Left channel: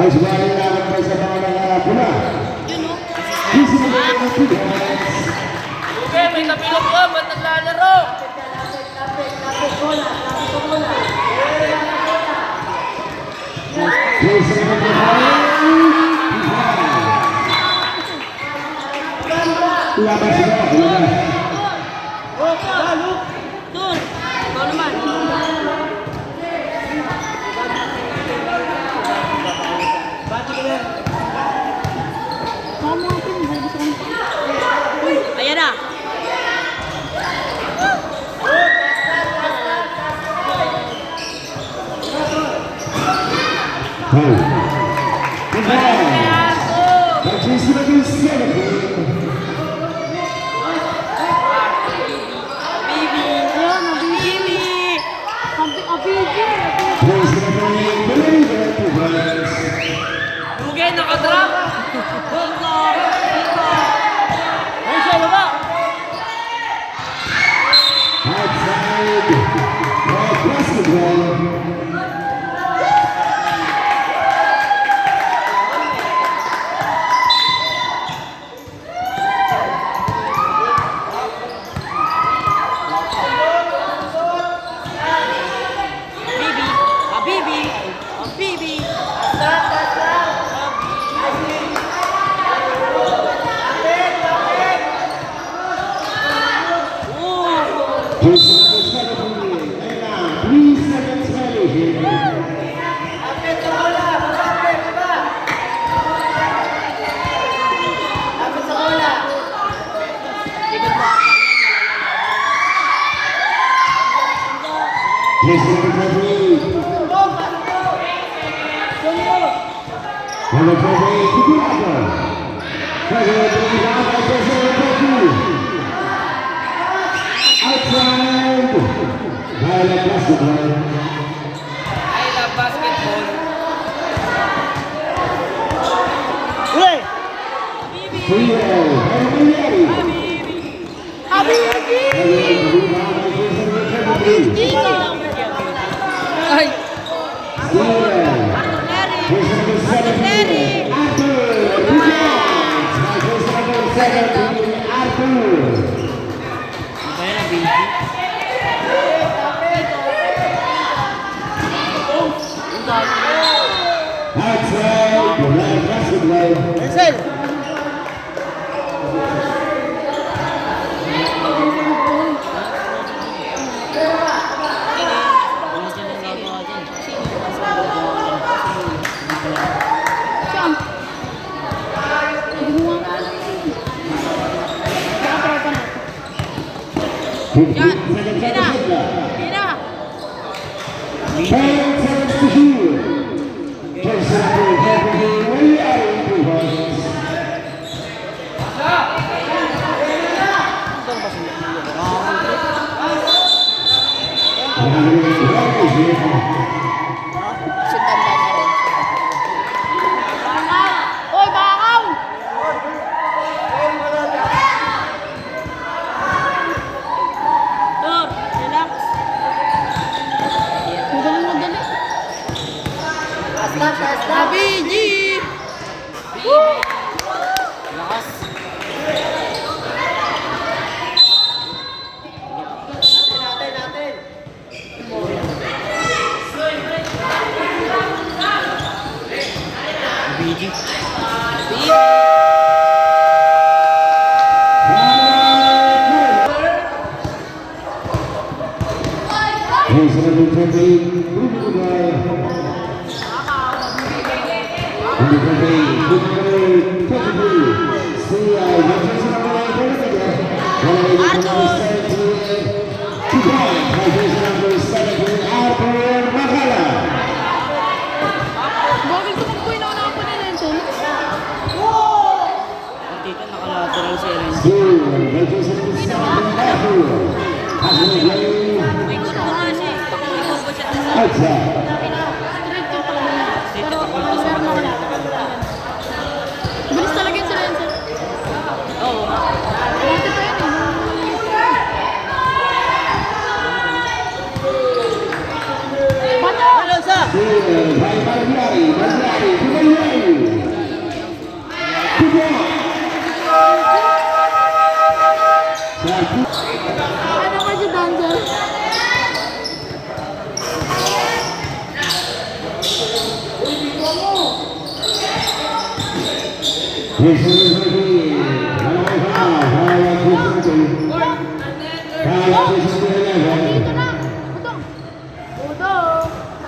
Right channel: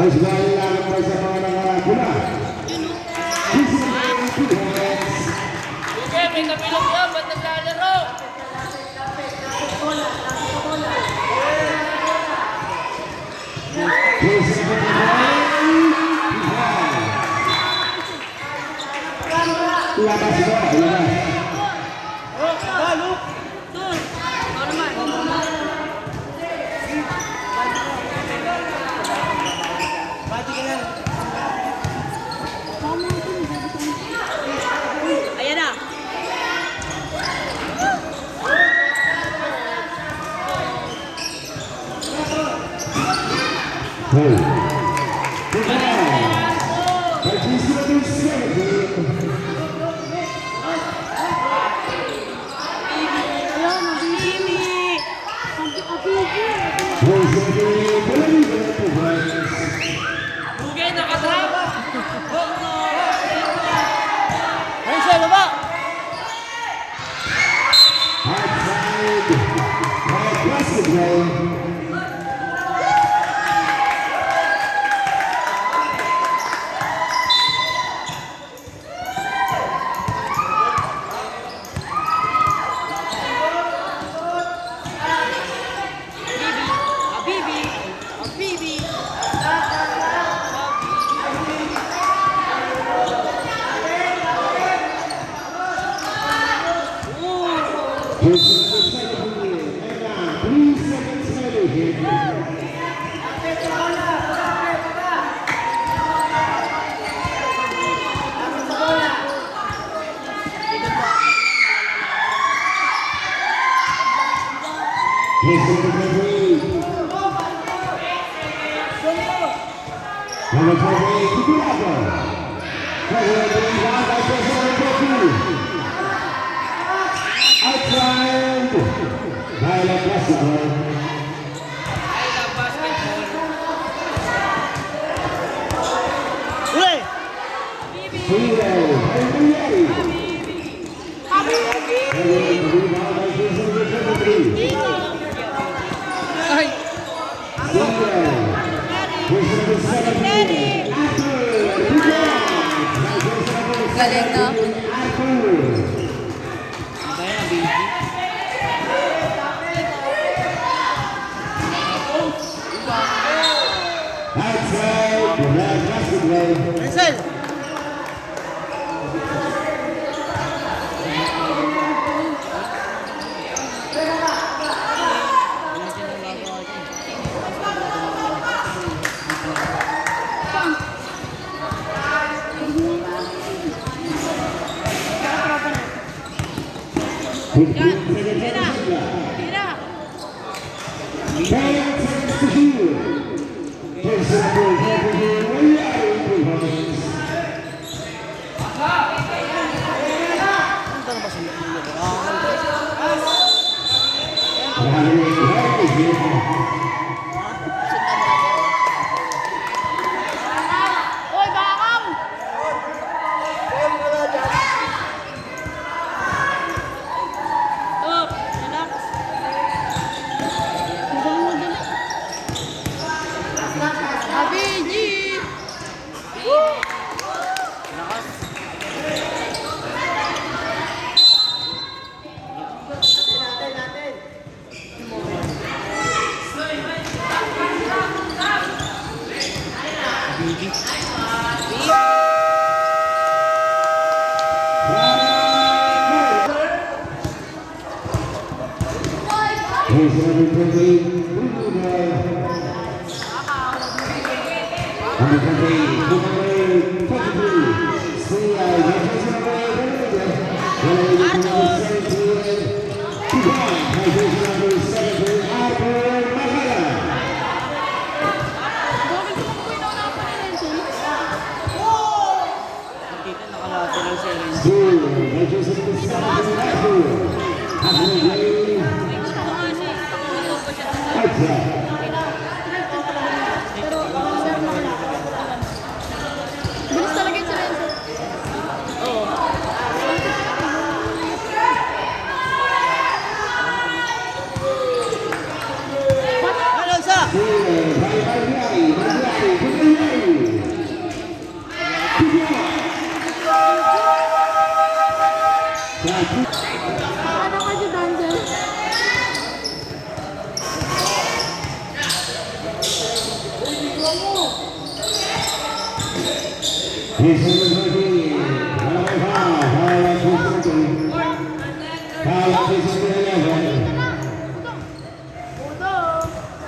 Okay, may kapilok ka, ba't naglalaro? Ayan na. Dugay, nakadrop.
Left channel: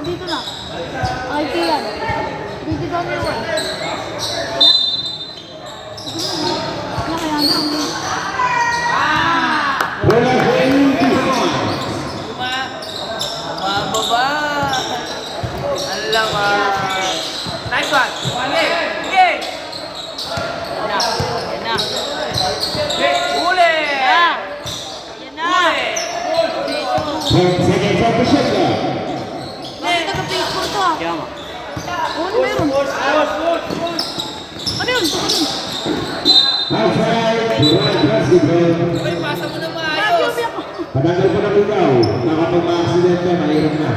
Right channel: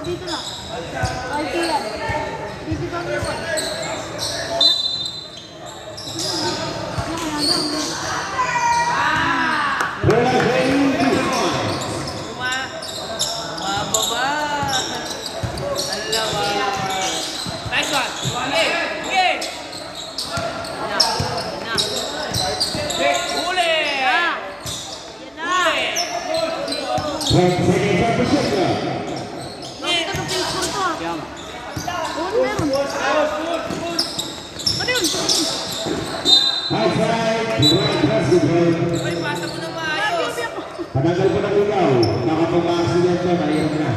Andito na. Okay, Tia. Dito daw na siya. Mababa. Alamak. Nice one. Sige. Sige. Huli. Huli. Bakit ka Facebook ko? Oo, ano meron? Ano yun? Uy, pasa mo na maayos. Panagal pa ng ikaw, nakapag-accident ka, mahirap na.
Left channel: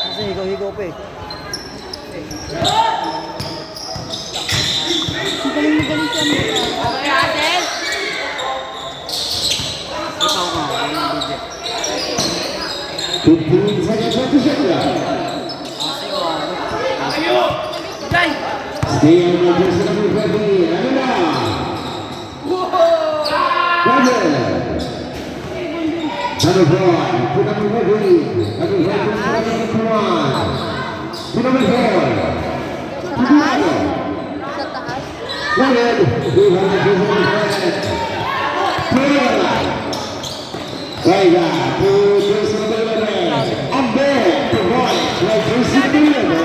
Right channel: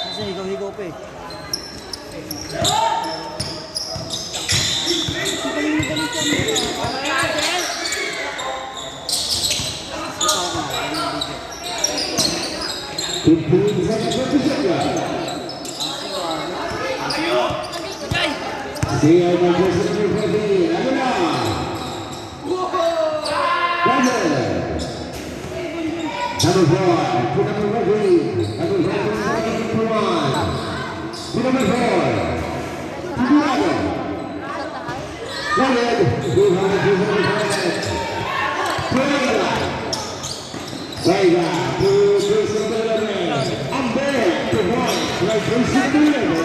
Kasi higaw-higaw pa eh. Magaling siya nito. Ikaw nga, ano yung video? 15 seconds of the shot clock. Jai. Stay on the jersey number 20. Ano na? Brother. Number 4, to number 20. Number 4, to number 1. To number 4. To Diego. Brother, we have a jersey number 5. Playla. Playla, to jersey number 11. Amber, to boy, to jersey number 11.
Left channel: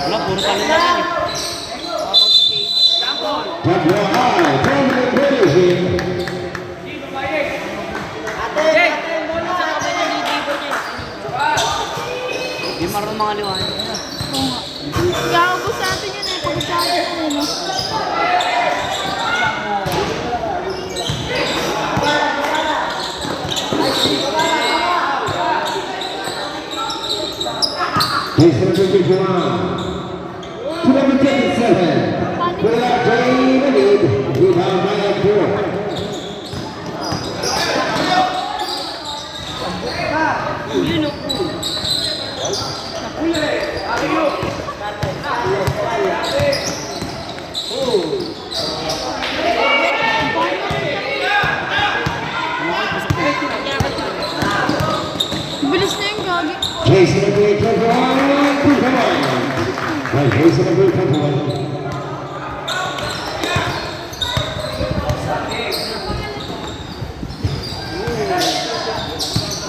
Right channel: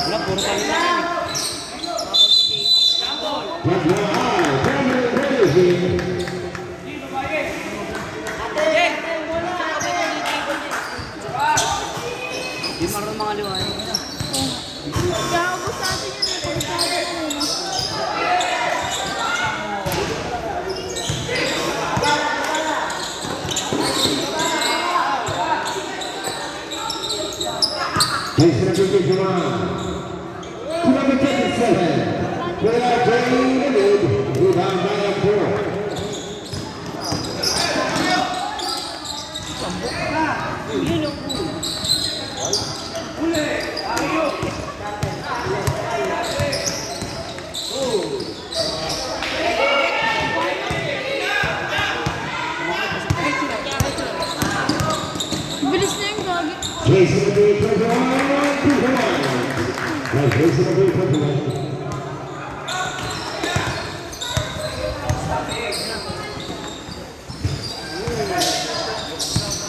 Wala, puro kami lang eh. Jai. Di marunong mga liwanag. Kaya ubus natin yun eh. Pag-usapan yun eh. Bilis na yung gagi.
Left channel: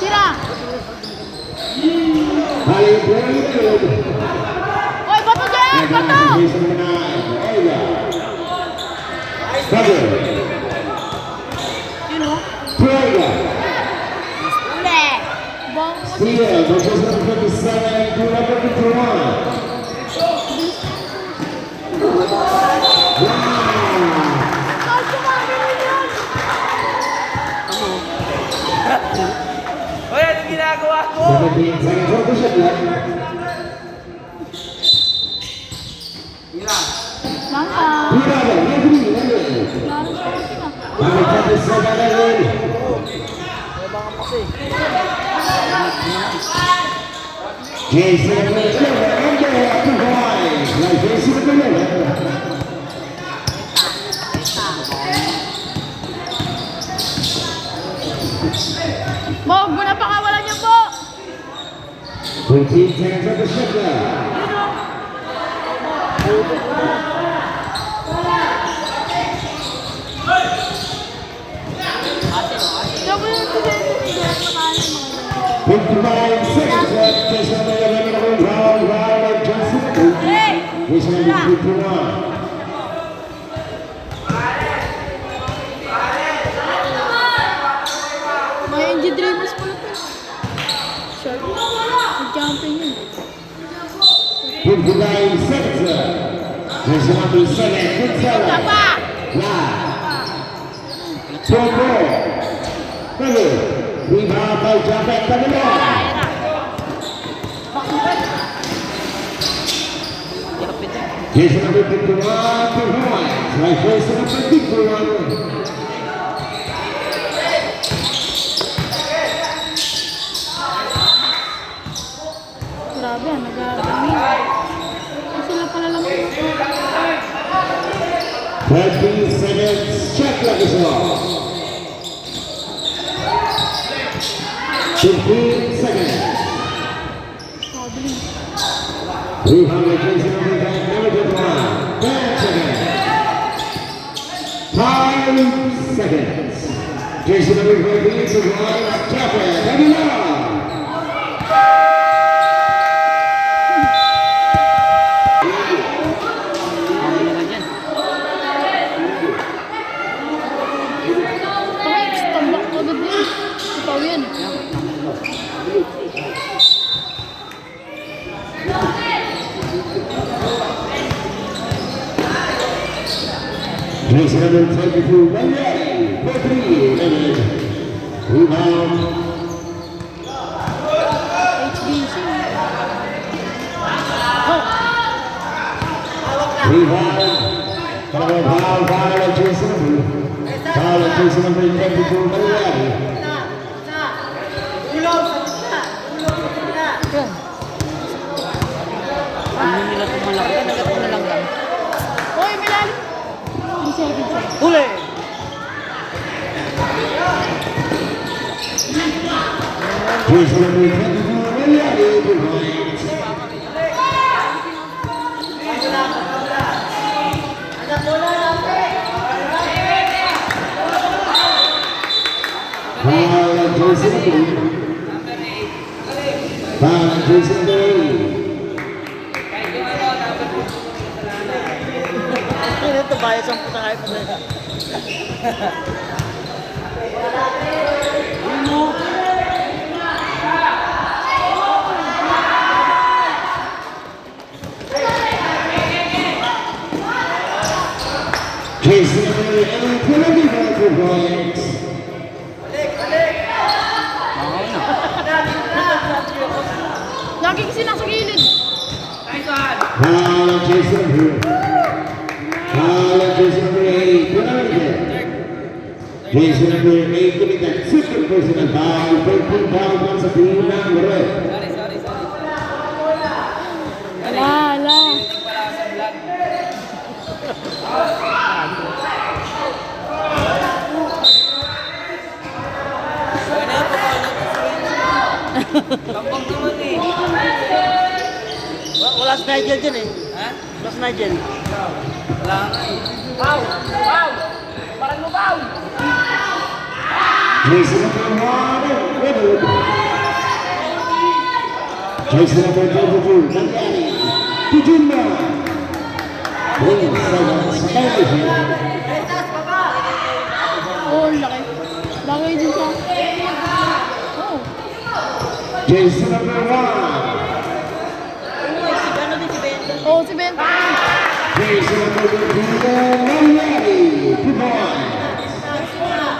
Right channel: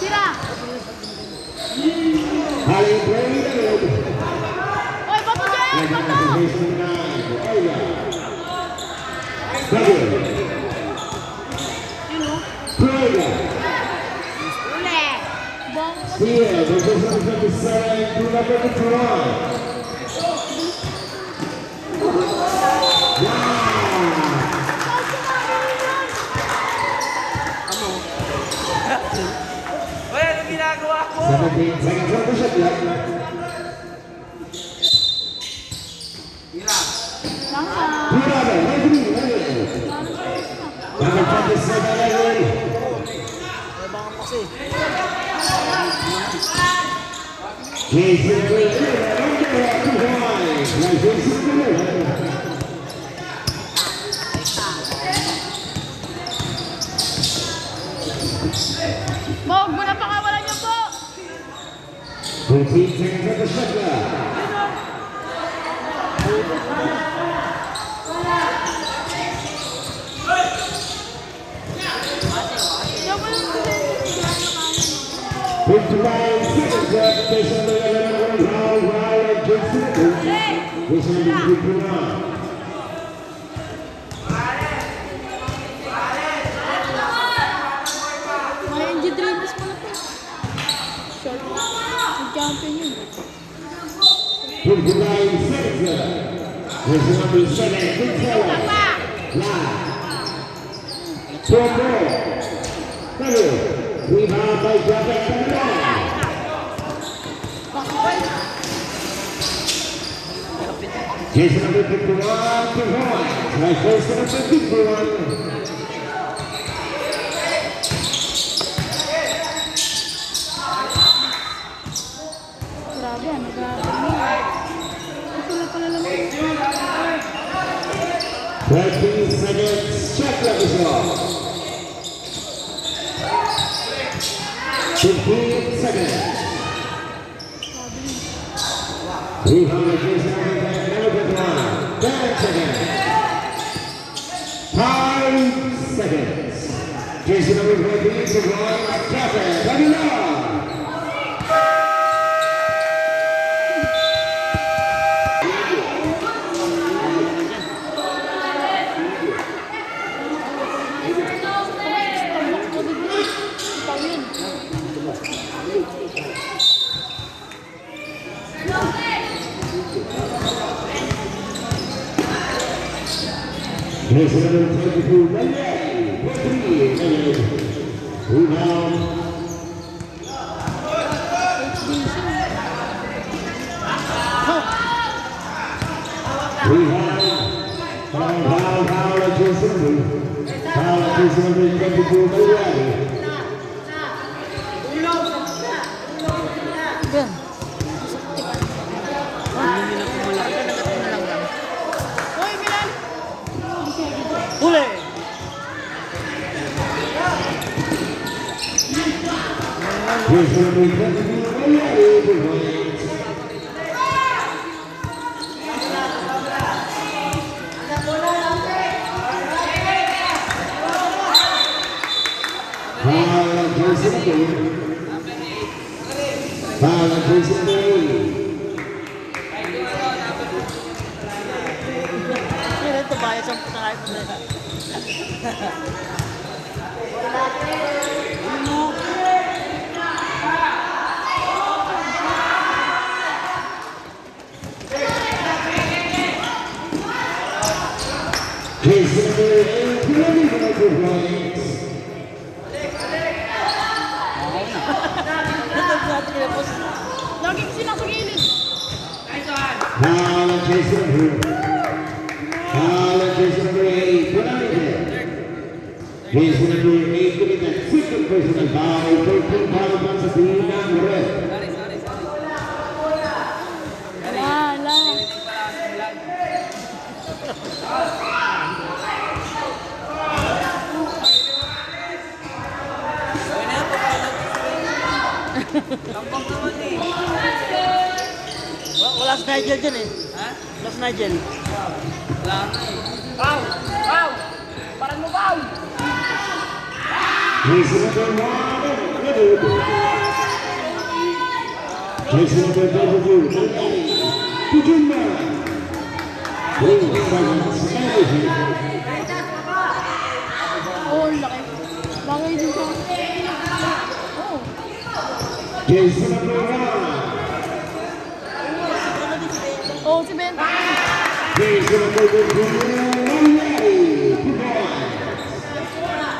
Tira! Oy, bato dyan! Bato! Yun o. Uli! Bango kasi. Uy, ano ginagawa ko? 17 seconds of the shot clock. Mama! Tirado, referee, referee. Number 27, referee. Abangan kasi. Jason Miller, under 2 points. Now Jason Miller. Bo, muna pakawalan niyo po! 15 seconds of the shot clock. Double yung pinag-iwanan mo. 59 seconds left. Jason Miller, round, of Jason Miller. Jason Miller, 2-1. May NG Dreamers pala to. Short. Nag-champion yun. 59 seconds left. Jason Miller, 7, good seller. Live. 4 more. Ready. Rebound by Japet Pagano. Here's number 51 to points. Right first number 51. Grabe, nag-aagangin. Sila pala lang. 13 seconds. Shot clock is off. 15 seconds. Rebound by Jason number 51. 10 seconds. 5 seconds. Jason number 43 to points. Japet Pagano. Ikaw yun. Jason number 22, Monday, 43, rebound. HBC. Rebound. Foul at Jason number. Foul at Jason number 22, Monday. Nagatak na lang lang. Hoy, Milan! Huli! Jason number 22, Monday. Jason Kaya ito bayad sa putang hype na ito. Jason points. Lagi kasi nasa gilid. Jason number 8, Jason number 8, committed second personal foul, 14 pounds sa team ng Red. Ala. Wala si Nigel dyan eh. Wala si Nigel. Jason number 1, Redwood. Jason number 22, Mandani. Tujumba. 3 seconds, energy. Oh, ang laki. Bagay din sa... Oh. Jason number 1. Ano din si Bento? Oh, si Bento. Jason number 22, Mandani. 2 points.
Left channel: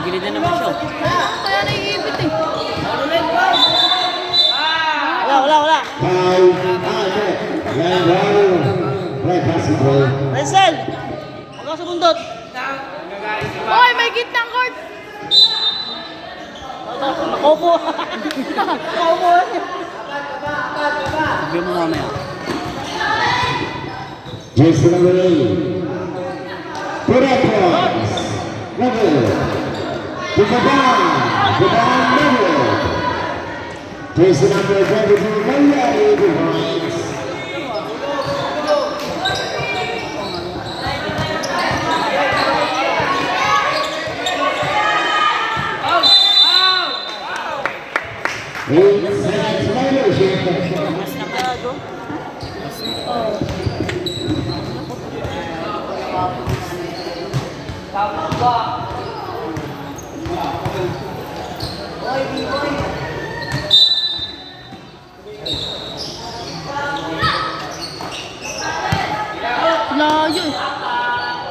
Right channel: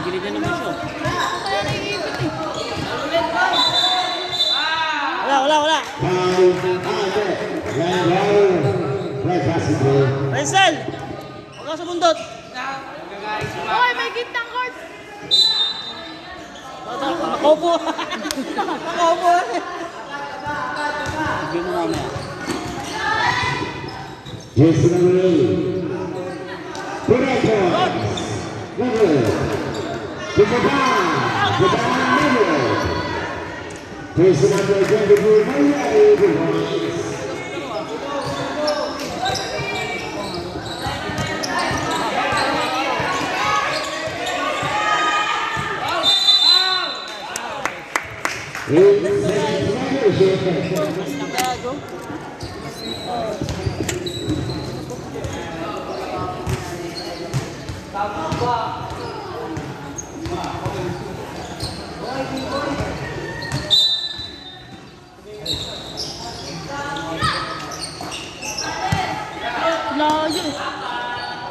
Gilid na naman siya. Kaya naiipit eh. Wala. Foul, right basketball. Rensel! Huwag ka sumundot. Hoy, may gitnang court. Opo. Sabihin mo namin. Jason number 8. Correct points. Level. Goodbye, Mario. Jason number 22, Mario, 8 points. Layo eh.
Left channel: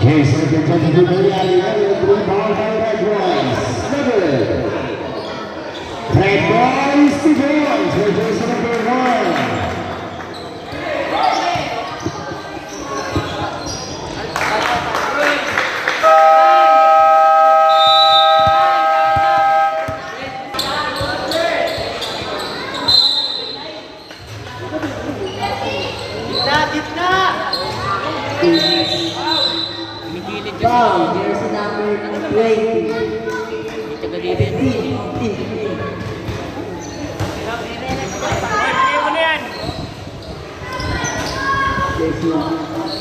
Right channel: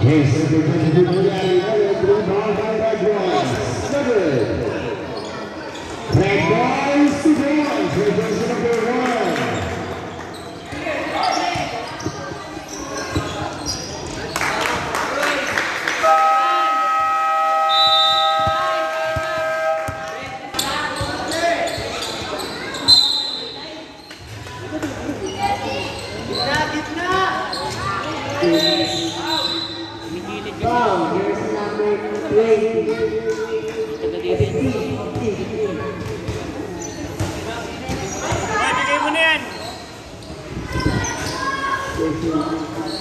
Jason number 22, Mario, 3 ball by Red Boys. Level. Taga dito yan.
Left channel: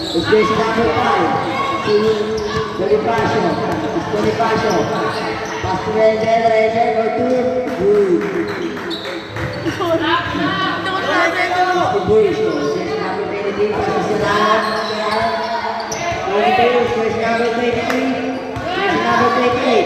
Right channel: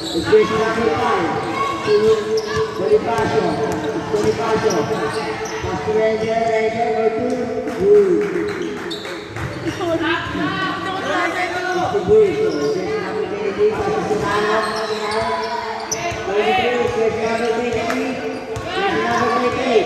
It's just number 5 to Bonifacio. It's Bonifacio. Pass to Render, go to Sorry. Hindi ko nasa ito. Bush. It's number 23, passes to Nana. 22, switch number 23. Switch number 28.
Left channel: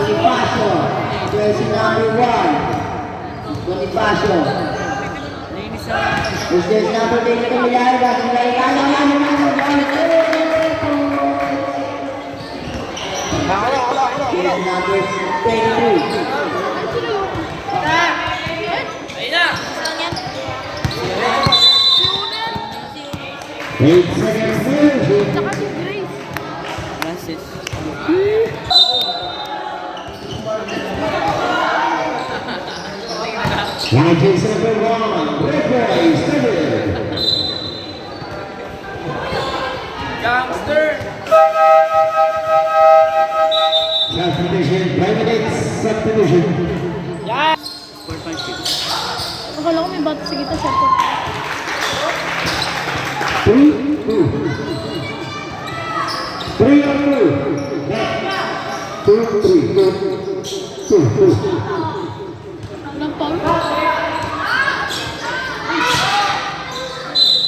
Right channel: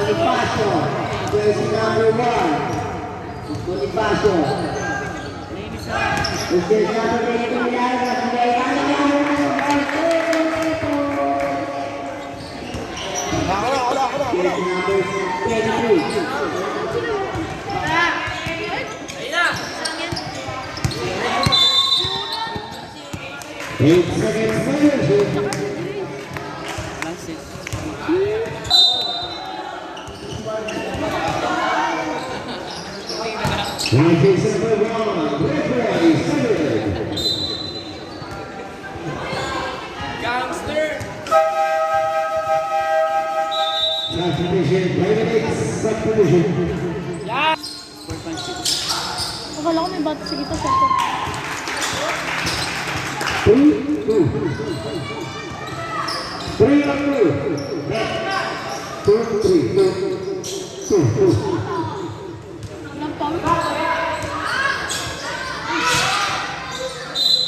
Bonifacio, jersey number 1. Bonifacio. Is this number 23 live? Jersey number 23. Ayun na. 8 seconds left. Saka si Grace. That's it. Now jersey number 1. Red boy, 7. Gangster. Subdivision, private subdivision. Score 5-6. Akala ko may bato sa kita, shot ko. 3, 2. 3 on 2. 2, 3, 2. Walang foul.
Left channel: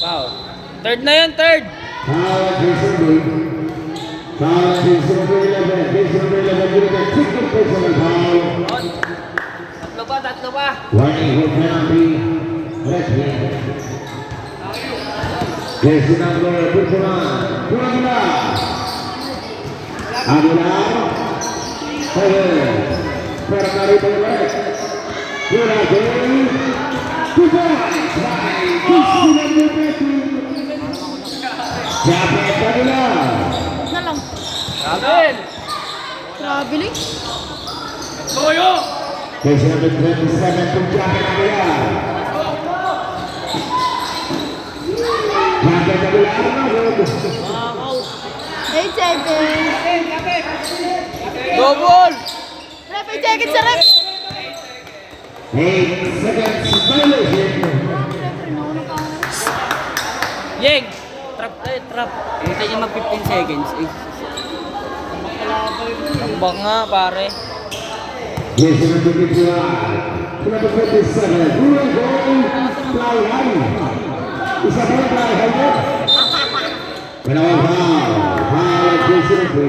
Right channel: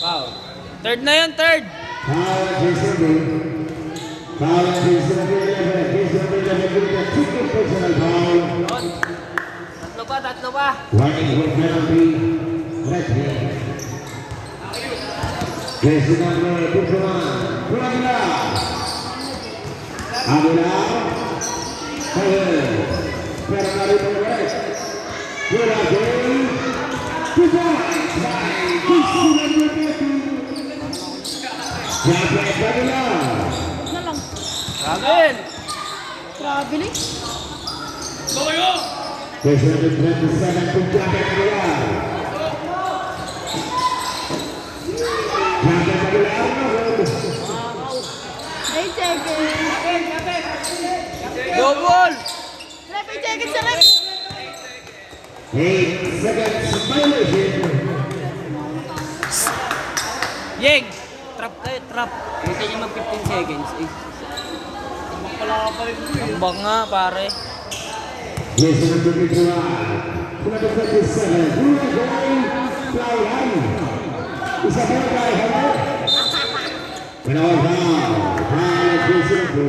Foul. Third na yan, third. Power Jason B. Power Jason B. Jason B. Second personal foul. On. Tatlo pa. Warning for penalty. Red hand. Jason number 21. Pura Aguilar. Fire. Perkari Pura. Pura Gay. Pura. Jason number 22. Japan Aguilar. Na lang. Amen. Traveling. Goyo. Jason number 27 to Japan Aguilar. Japan Aguilar na red. 8 seconds. Double. Ref, 8 seconds sa ref. 8 seconds violation. Yeng. Trap. Hintay niya mag 15 seconds. Tambak nga, pare. Jason number 21. Number 27. Pura Gay. Fly high. Isa pa fly high. Panawang foul. Foul Jason number.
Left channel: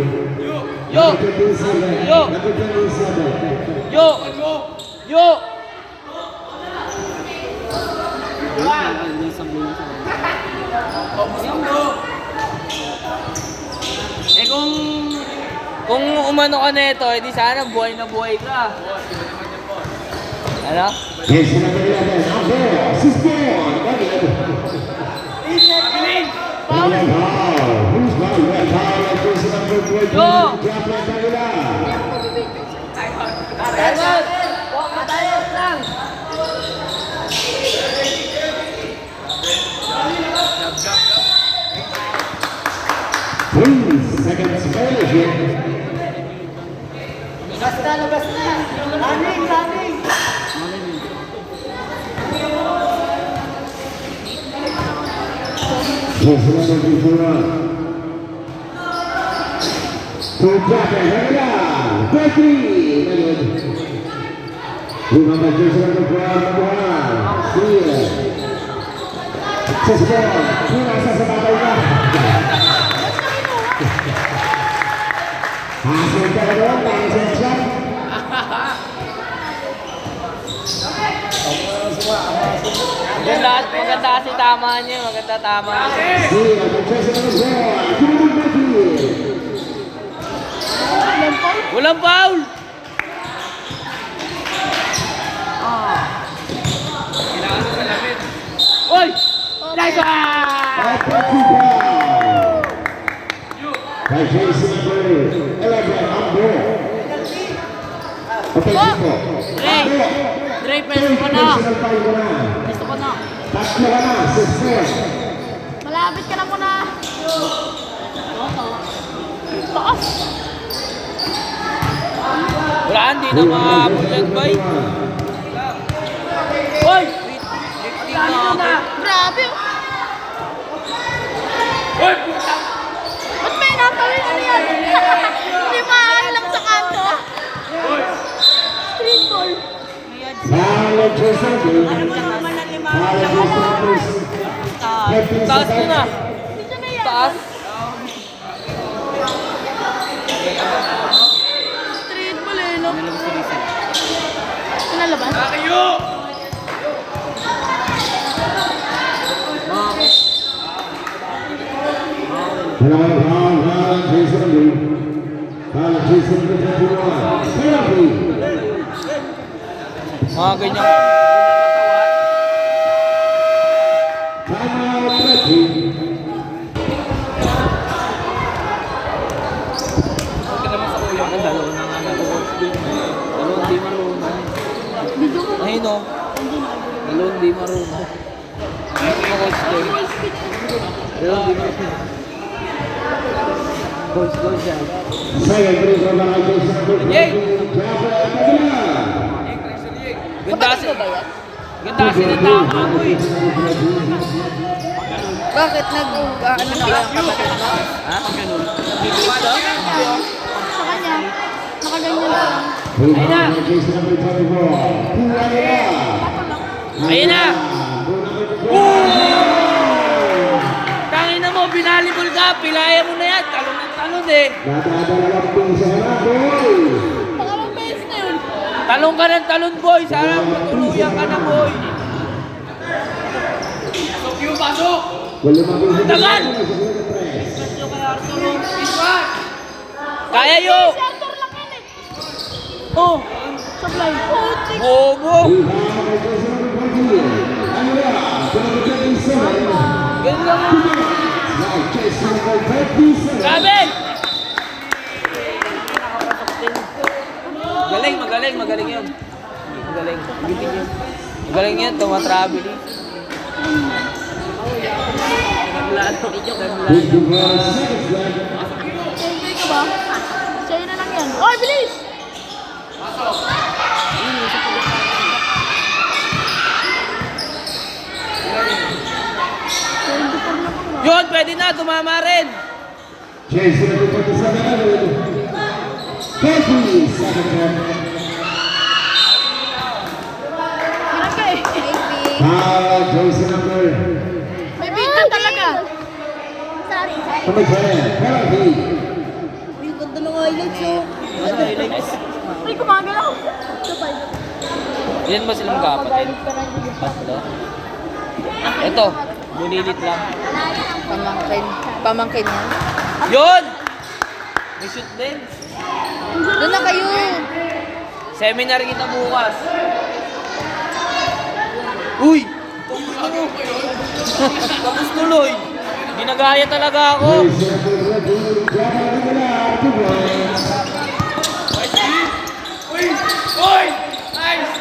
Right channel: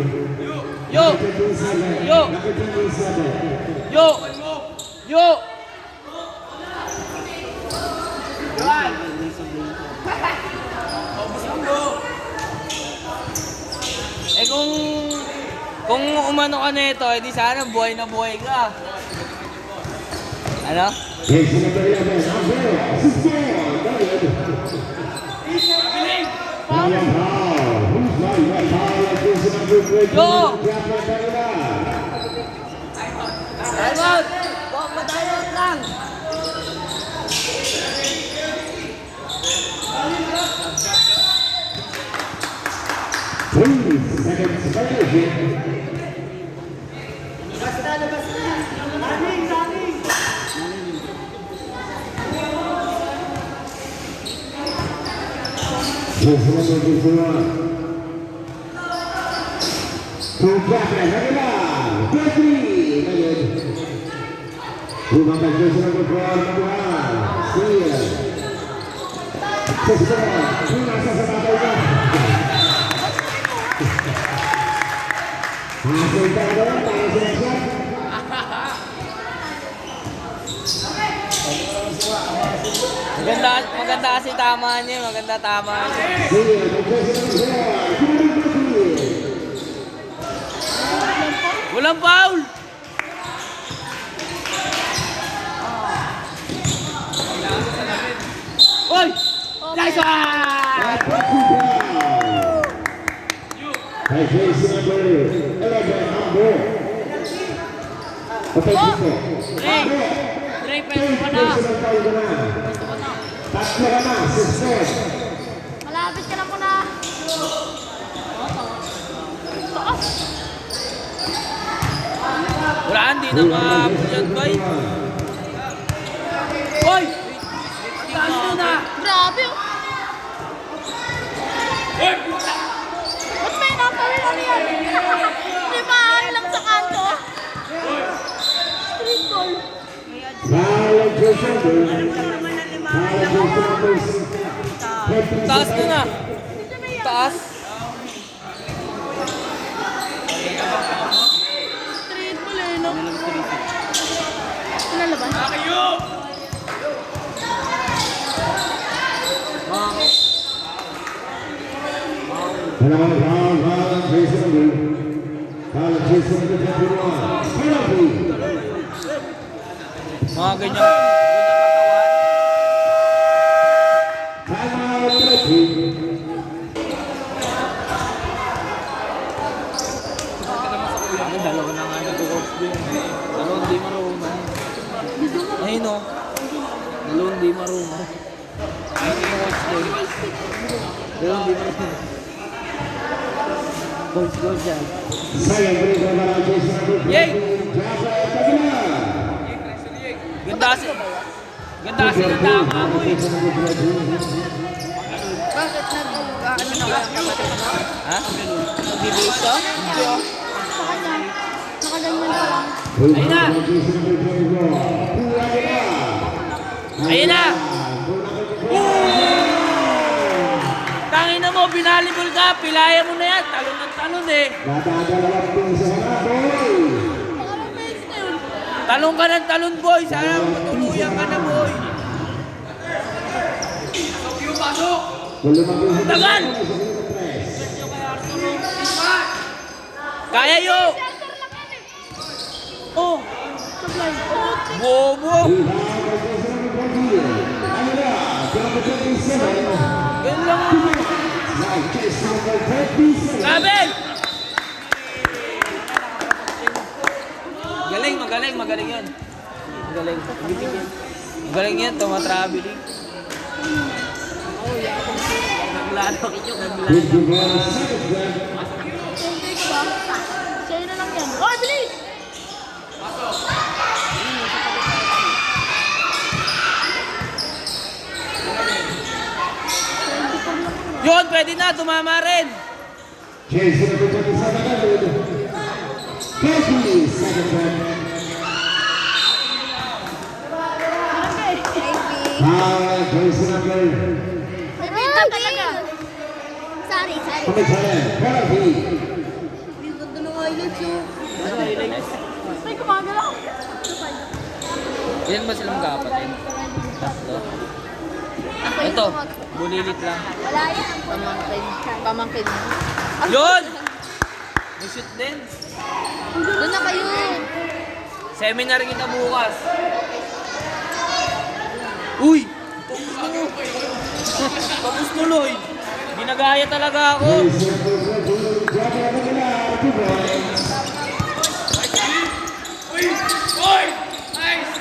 Yo. Number 27. Yo. Number 27. Yo. Yo. Eh kung umano ka na ito, edi sana buhay na buhay ka. Ano? Jason number 11. Number 16. Foul. Foul. Who's foul? Red foul. Jason number 20. Yo. Japan Aguilar. Tayo! Tayo lang! Seconds violation. Jason number 21. To Japan Aguilar. Bakery. Rumah Jason number 21. Steal. Sesbon. Pulang sesepat hasil talaga langsung shot. Maganda kasi tama niya. Maganda tama niya. Steal. Walang foul! Kailangan sa salamin. by jersey number 11, Ambo. Potential. Dre, pwede ka na. Tatlo ka na, 6-4. Malapit ka na po na. Taas. Wala, hindi na makahabol yan, boy. Hoy! Grabe oh. Ba't may natawin ano yan? Limaan lang sa kanto. Street ball. Follow jersey number. Follow jersey number. Taas na na. Dito na yan. Taas. Street ball eh, no? Pinalabas? Follow jersey number. Follow jersey number 21. Penalty. Mga ganyan katawan. Timeout, red team. Bakit dalawa na nga nag-coach din? Dalawa hindi marunong. Ayun o. Dalawa hindi marunong. Ayun yung coach din. Dalawa hindi marunong. Coach yan. Second free throw by jersey number 20. Yay! Jaffer Magana. Ganda kasi. Ganda kasi ng tama mo eh. Bakit nag-ano na ba yung kapatid mo? Ha? Sa kanya, nakaganyan pa lang. Ayun na. Jersey number 24. Ayun na! Tangin na mo, binalibol ka. Pilaya mo na yan. Talon ng talon eh. Nadadalawang pin sa harapan. Pangalang base na yun. Talon ka ng talon, boy. Sana matuluyan ka na, boy. Tagal! Kaya yo! Oh! Sablay. Bobo! Ganun lang mo. Grabe! Galing, magaling, magaling yun. Magaling. Giting yun. Magaling yan, tumatravel. Naglalo. Naglalo. Sa'yo na lang yan. Oy, bilis! Yun, pwede na, tumama rin. Jersey number 27. Casey, second one. Parang ka eh. Jersey number May pinta talaga. Sorry. number 10. Penalty. Yung ganda ng highlights oh. Ay, kumagalaw. Ilan ba sila magkakapatid? Tatlo? Ito, bulilit lang. Pamangkin. Pamangkin mo. Yun! May shoot din. Doon na kayo. Seminar kita bukas. Uy! Tuklo! Tapos tuloy. Ginagaya talaga ako. Jersey number 20. Jaffer Magana, 2 points. Uy! Nice!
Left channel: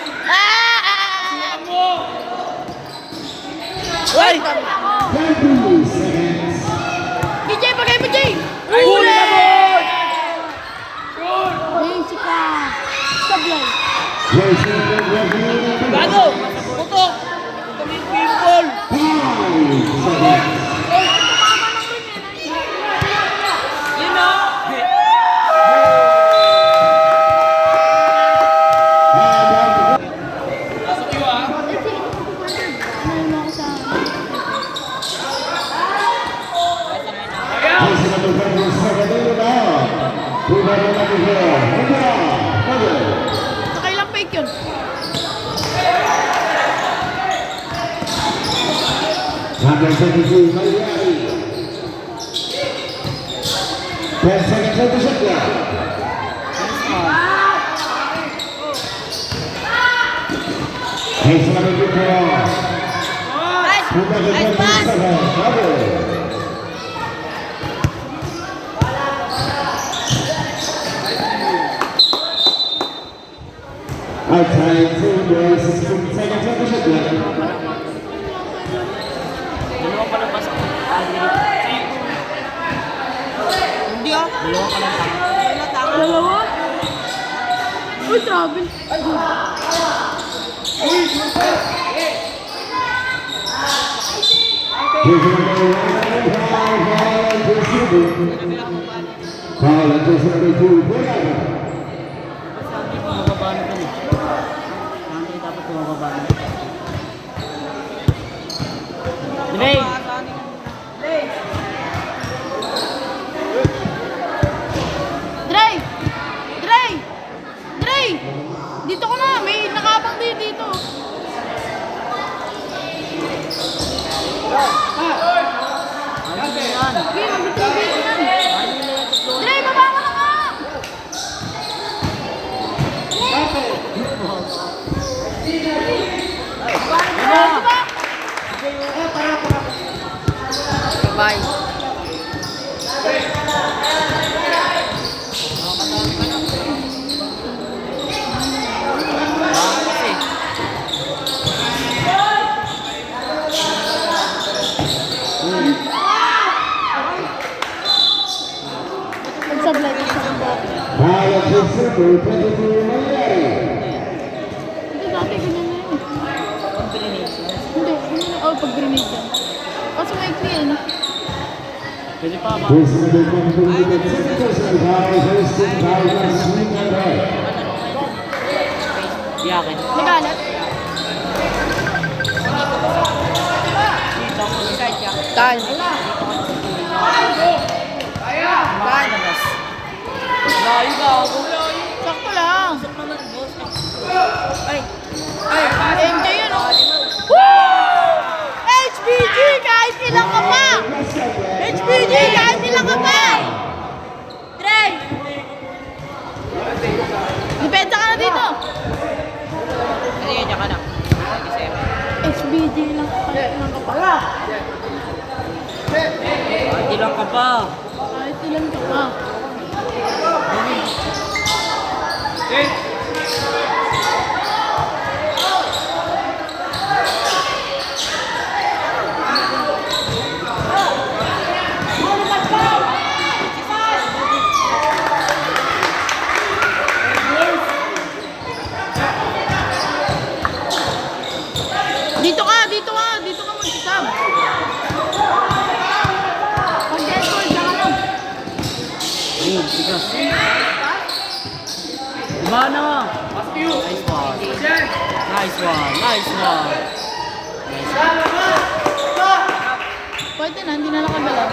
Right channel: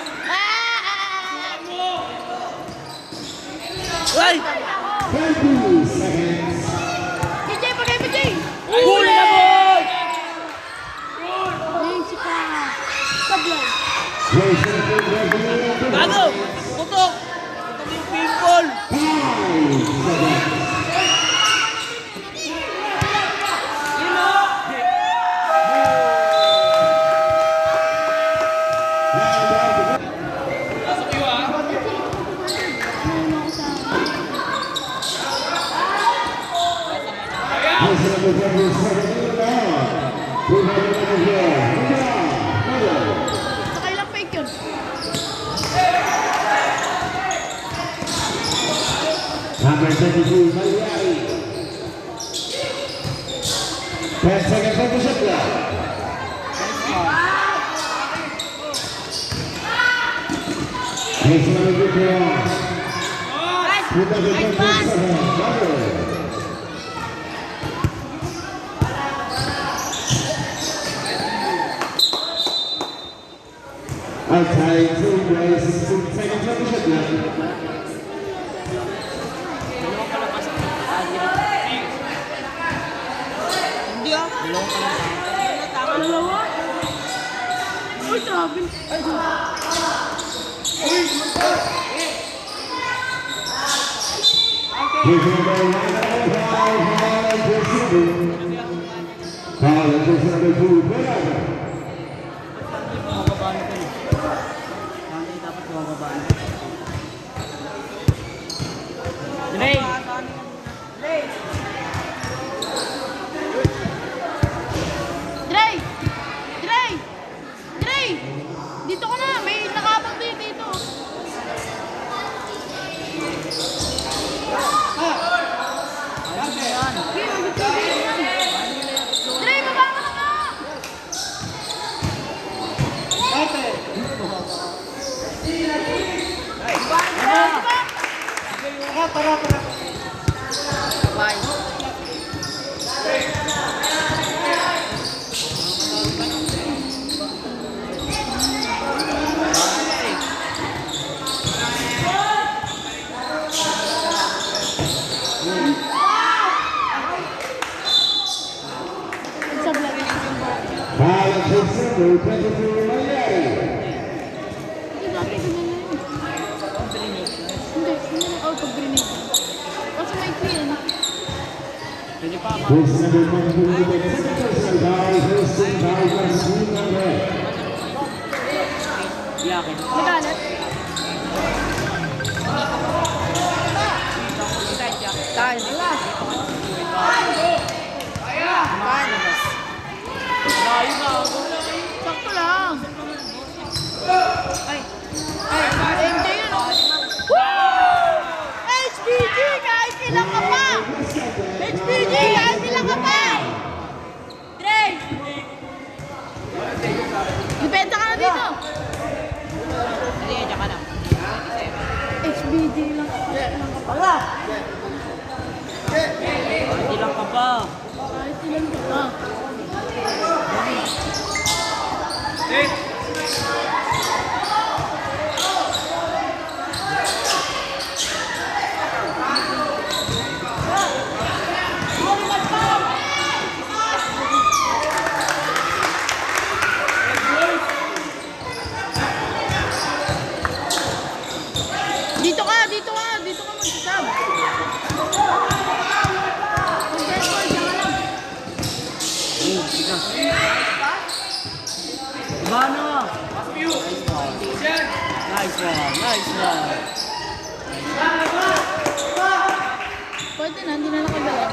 Uy! 20 seconds. PJ, pagay PJ! Huli na boy! Ayun, sika. Sablay. Jersey number 28. Gago! Putok! Ito yung pinball! 5 seconds. Yun o! Jersey number 27. Rebound number 4. Nakailang fake yun. Number 22, Maliari. 10 seconds on the shot clock. Jersey number 24. Number 27, Double. Outside to the 16 seconds of the shot clock. Hindi ah. Dalawa? Uy, travel. Foul at just number 2, Borada. Dre! Dre! Dre! Dre! Dito ko na. May nakabang din dito. Dre, baba ka na! Bye. Foul at just number 22, Malayari. Hindi. Oh, pag-grenade ka. Kaso may clean. Pwede pa. This number 22, the second person, foul, Houston, foul, swing number. Yakin. Nagalat. Tan. Tan. Layo na ako. Sakto lang. MJ yun, oh. Woo! HBG, kahit ilang ka pa. HBG, kahit ilang ka pa. Trey! Depensa ka na dito. Kaya ka na. HBG lang kahit ilang ka pa. Hindi lang ka pa. Kahit ilang ka pa. Dito ka mag-sub. Bigas. Mana? Nice one. Nice one. Pwede na, hindi na nakagawa.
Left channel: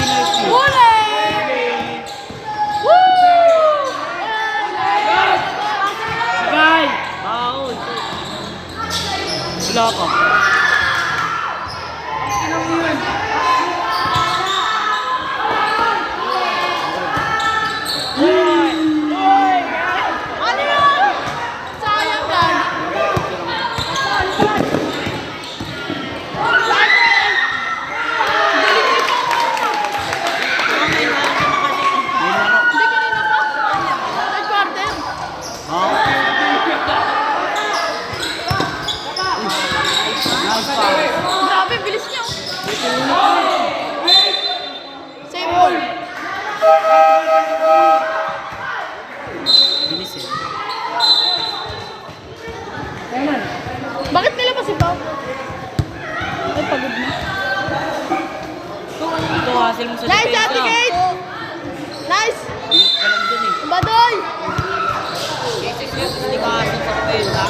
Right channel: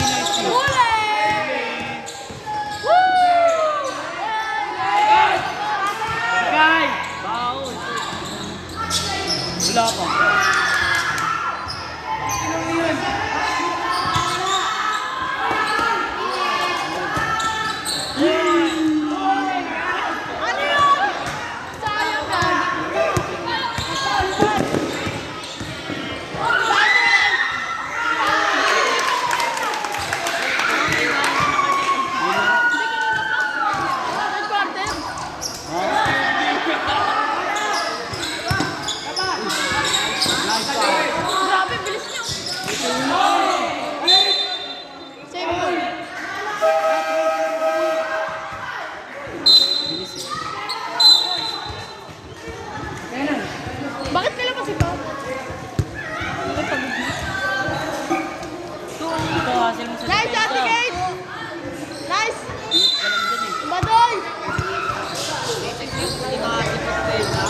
Nice one. Huli! Woo! Guy! Baon. Wala ka. Ano yun? Sayang gan. Hindi kanina pa. May quarter. Grabe, bilis niya. Same ball. Bilis eh. Bakit nila pa si Pao? Ay, pagod na. Ito hasil mo sa Nice, depensa. Ate Kate! Nice! Bilis ka lang dun eh. Badoy! Hindi ka hasil sa depensa.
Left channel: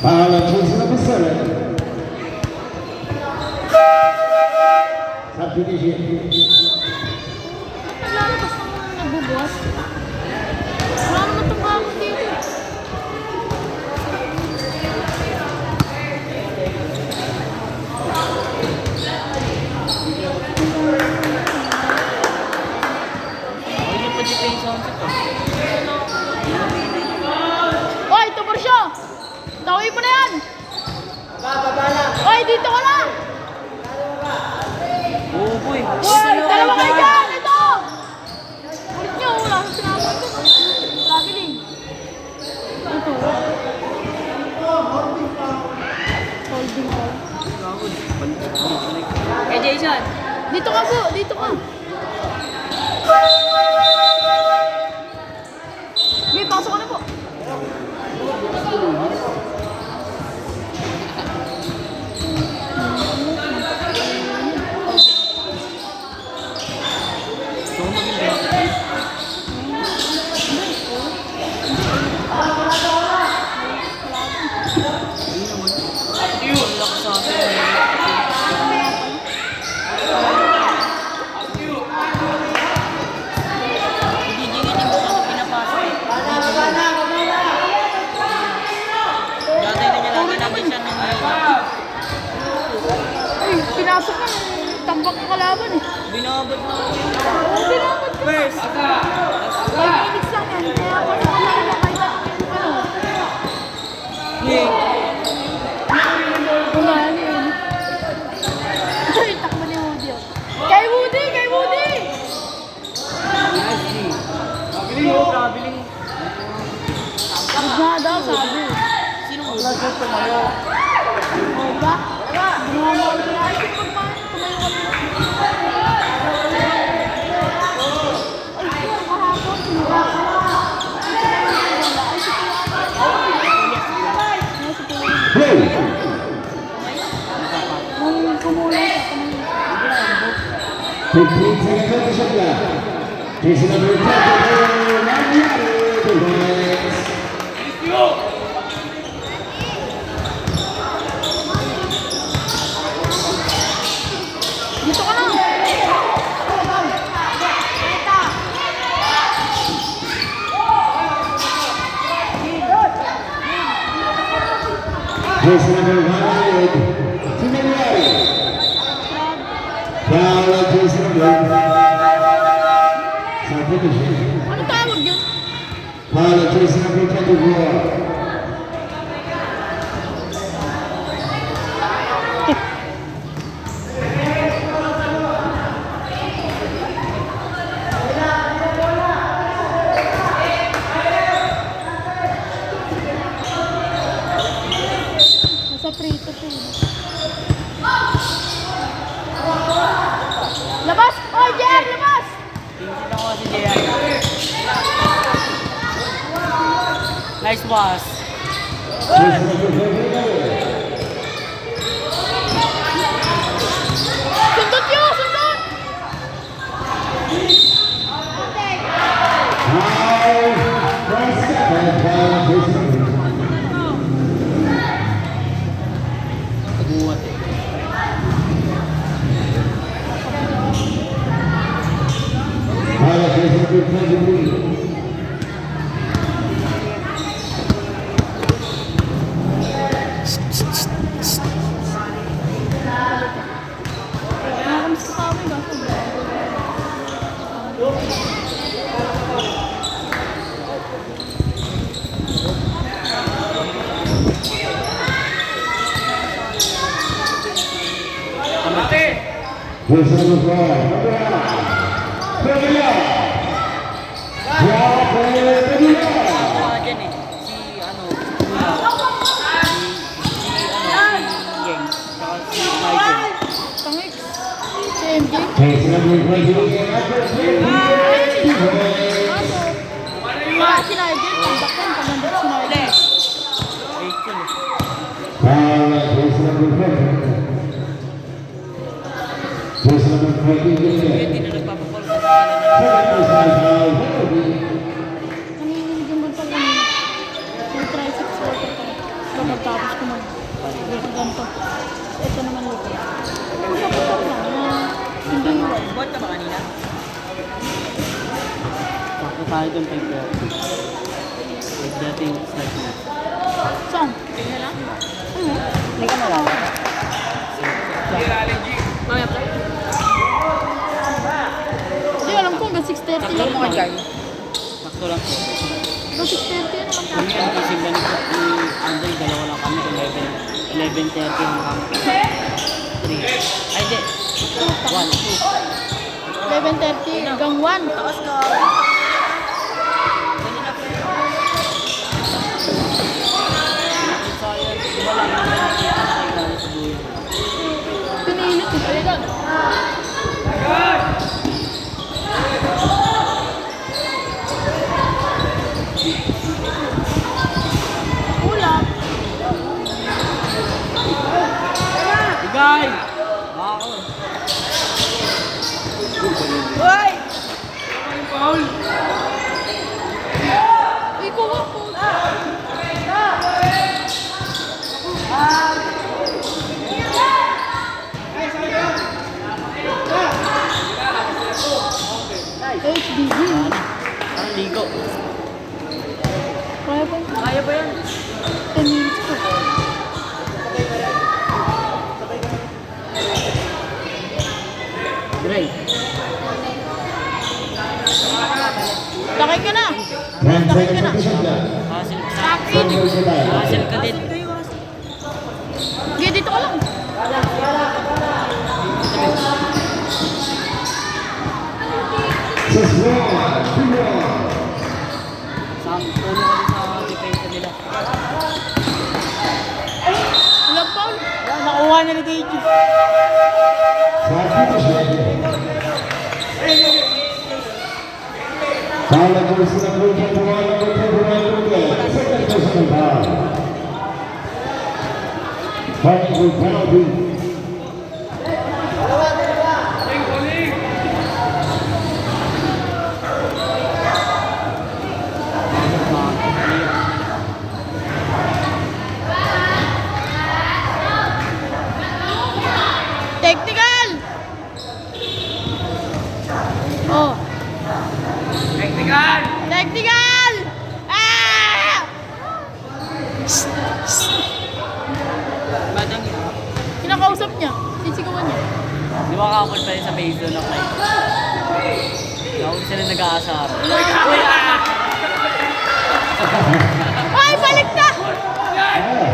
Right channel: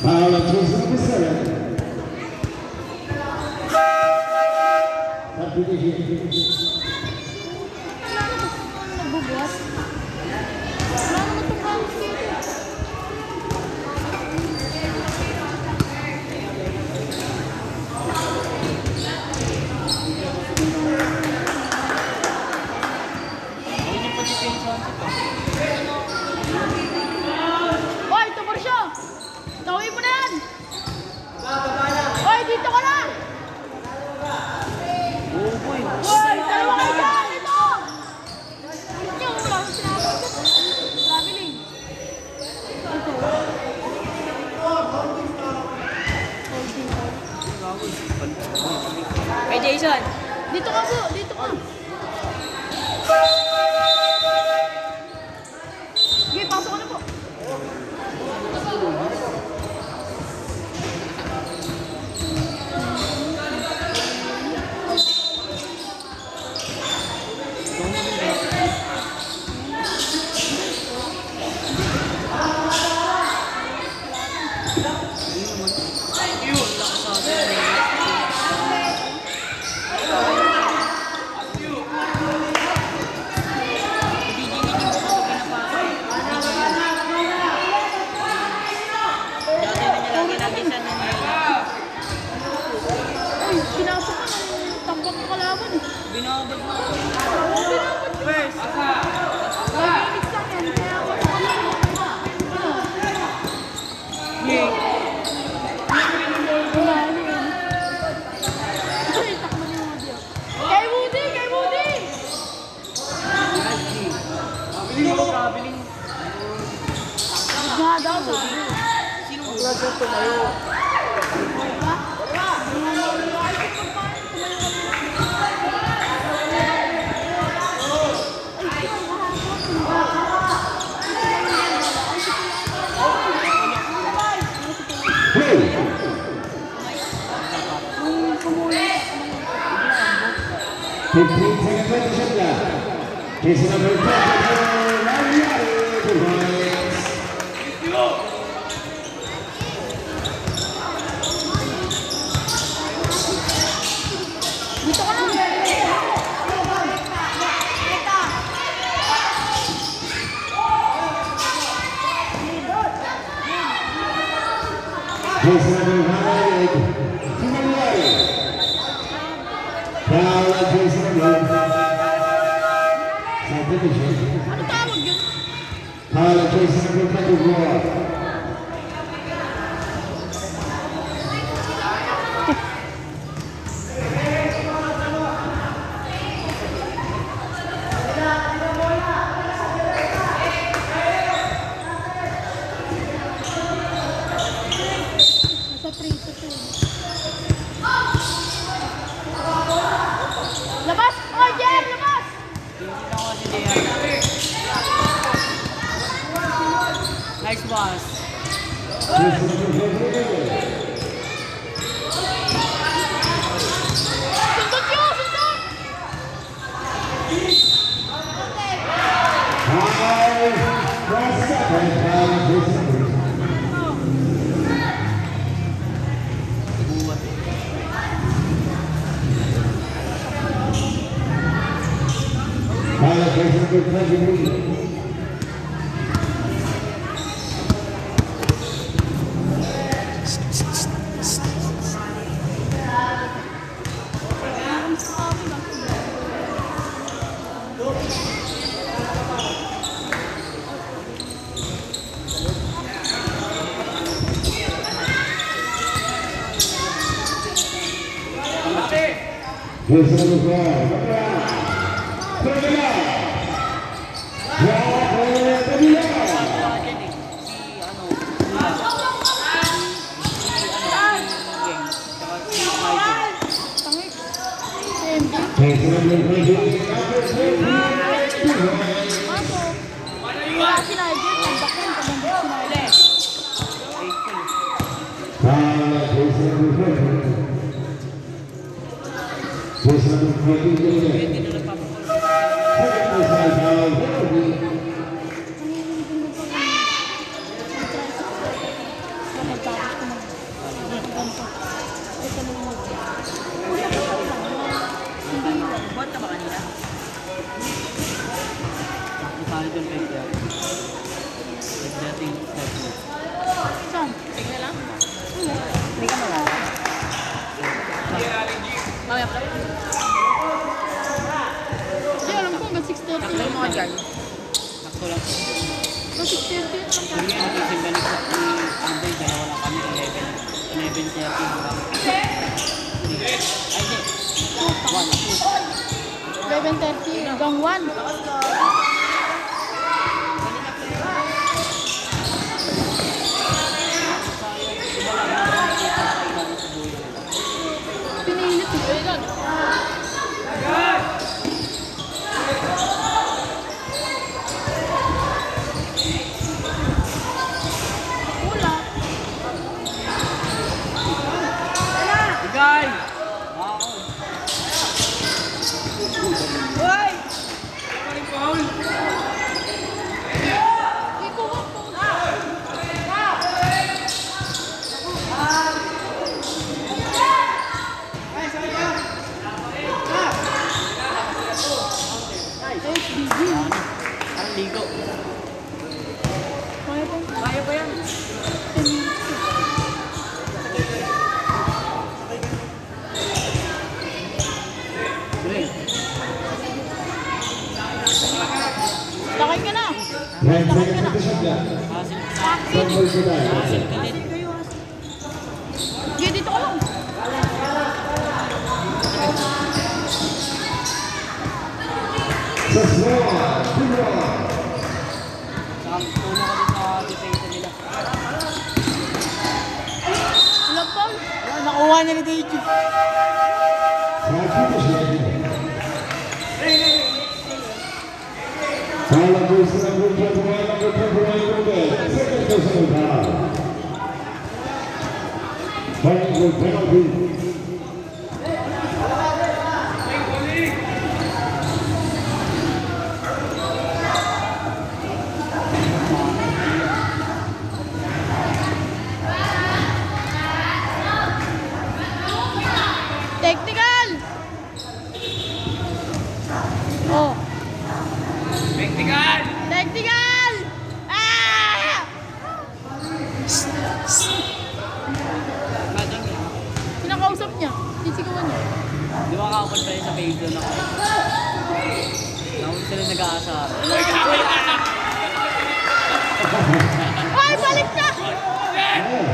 Foul at just number 7. Subdivision. Lalabas naman ang nagbubuhat. Wala naman itong kamot dito. Hindi pa dito yung sound ko. Oy, ito pa siya! Ito Jason. Dito ka po, dito ka. Sige, pasok ka na po. Ay, pinasok ka. Tambak ka kalaban eh. Binabot mo. Pinabot ka. First. Nag-iinig sa akin. Kaya ako ano. Wala na yun. Ay, takbo ni Woody. Kay Woody! Kay Woody! Kabiling mo. Kabiling mo. Nagada, sabi. Sino? Lagot tumayo. Diba? Play. Ang kumulit. 15 seconds on the shot clock. Jason number 10 for Mariano Torres. Dito ka lang. Jason number 5, Timanuel. Foul Jason number 5. Sa position. Ano tawag yun? Foul Jason number 24. Nasa 3 to 3. Labas! Oy, Jer! Labas! Nice pass. Jason number 24. Sundot yun! Sundot! Foul. Last second. Foul Jason number 5. Naguwat eh. Foul Jason number 23. Jason number 4. Pagila. Pagila. Nakuha dyan eh. Si ano. Gang. Tsaka si Michael. Tangik. Sandy. Jason number 20. Kaso, wala si Nigel. Tambak yan. Pagandot si Nigel. Ay, cool. Foul Jason number 4. Jason number 20. Hindi na nagpapakul. Foul. Nanginginig yung bansa yun. Yung tricycle ko. Pagkatapos ko na. Ganito. Ito naman yun. Hindi yun. Ba't ka ba kanina? Tapos tayo dun kay Pierre. Dating start mo. Saan? Hindi ka nawawala. Kaya ka? Hindi, alam ko hanggang 6:30 Takbo lang. mo ka dyan. Takbo lang. Hanggang 6:30 yan. Kung yan, kasing ganito, anday, dalawa lang kami, 11:30 yung kami. 3. Ay, di. 1, 2. 11:30 hanggang 1. Pinilit nila. Coach BB. Parang ligo. Kaya ba? Kaya ba yan? 10 minutes ko. Dre. Sakay ka na. 10 seconds on the shot clock. Hasil ka. Taxi. Fumble sa tayo. Hasil ka din. Hindi, dito ka lang. Sa score, 2-1. Sa ulo ka din sa defense nila. Walang foul. Nakuha na ni Deji. Foul ang jersey ng Blue Jays, pumalo ng Blue Jays. Second personal foul. Calling for penalty. Technical! Oh. Technical! Technical! Ah! Badang yun. Kinakausap niya. Sisigawan niya. Di ba kakapag tayo sa video na kayo? Nakapag sila nag-aasar. Ay, balik ka!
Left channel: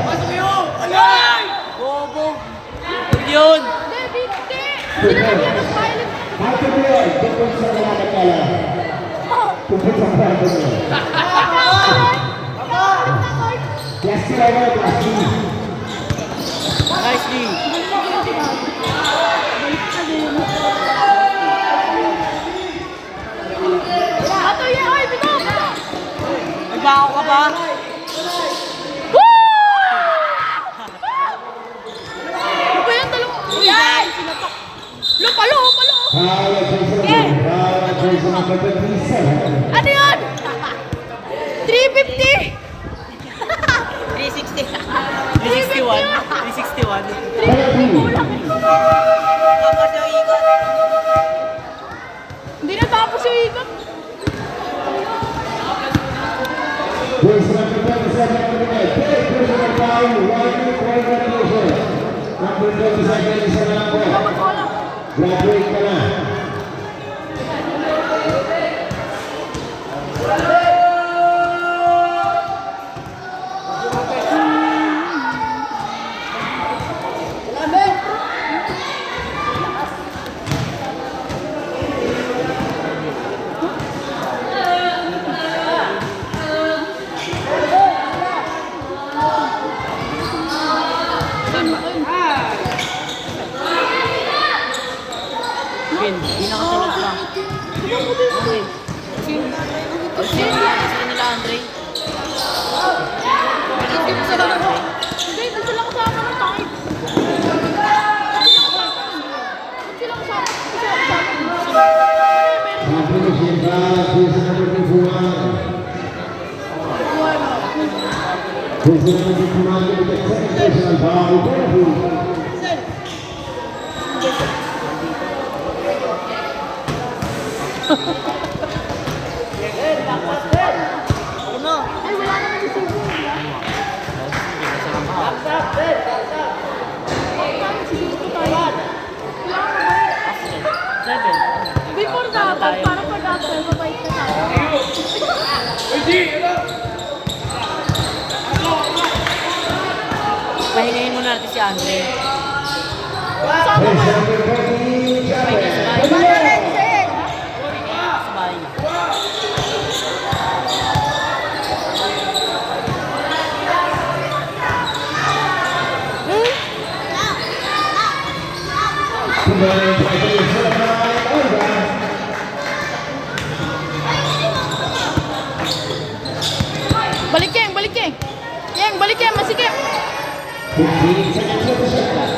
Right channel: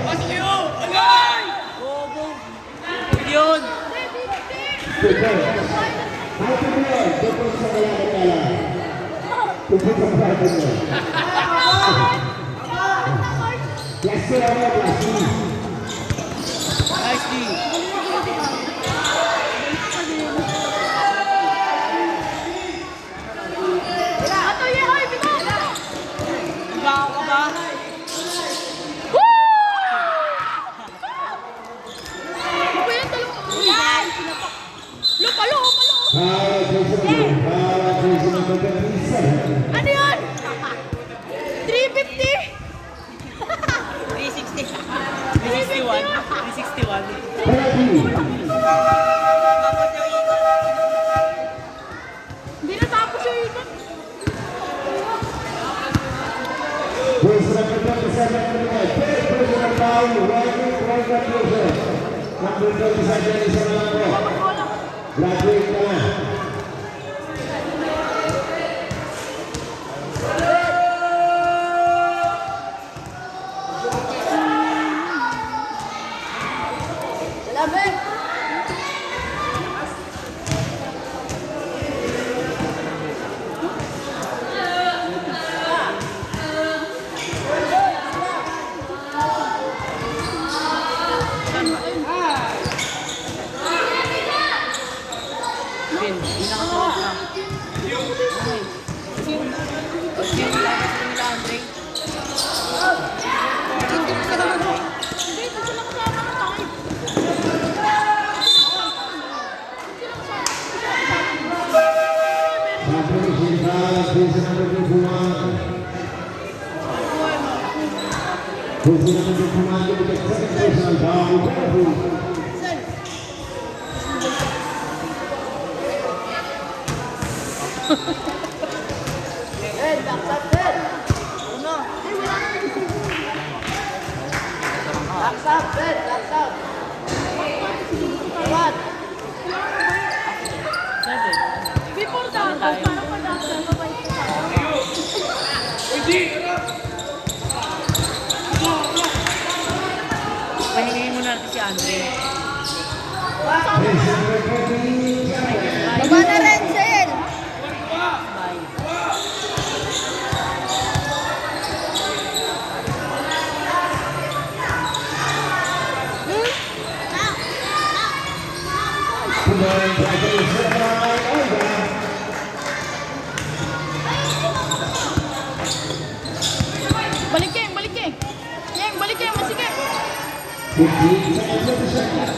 Pasok yun! Alay! Bobo! Huwag yun! David, hindi na namin ang pilot. After the ball, double sa kaya. Tupit ang bago niya. Yes, sir, last two. Nice D! Ato yan, oy, bito! Nagkakaw ka ba? Ano ba yan, dalawa? Yan! Palo! Foul ang jersey ng Blue. Foul ang jersey ng Blue Jays. Ano yan? 350! 361. 361. Hindi na tapos yung ikot. Jersey ng Blue Jays, second minute. Third personal foul. 1-2 violation. Number 27 isa na lang po. Graduate ka na. Pin, hindi na kasi wala. Kasi yung lagi sila nila, Andre. Wait, nasa lang siya naman tayo. Competition foul ang jersey number 51. Jersey number 51 with the second personal foul. Penalty. Seven. Before dapat, parang pag-after sa tayo ka. Pahinayin mo natin si Andre. Sama ka lang. Para rin, sir. Sabay. Balik Yang, balik Yang, masikip. 15 seconds of the shot.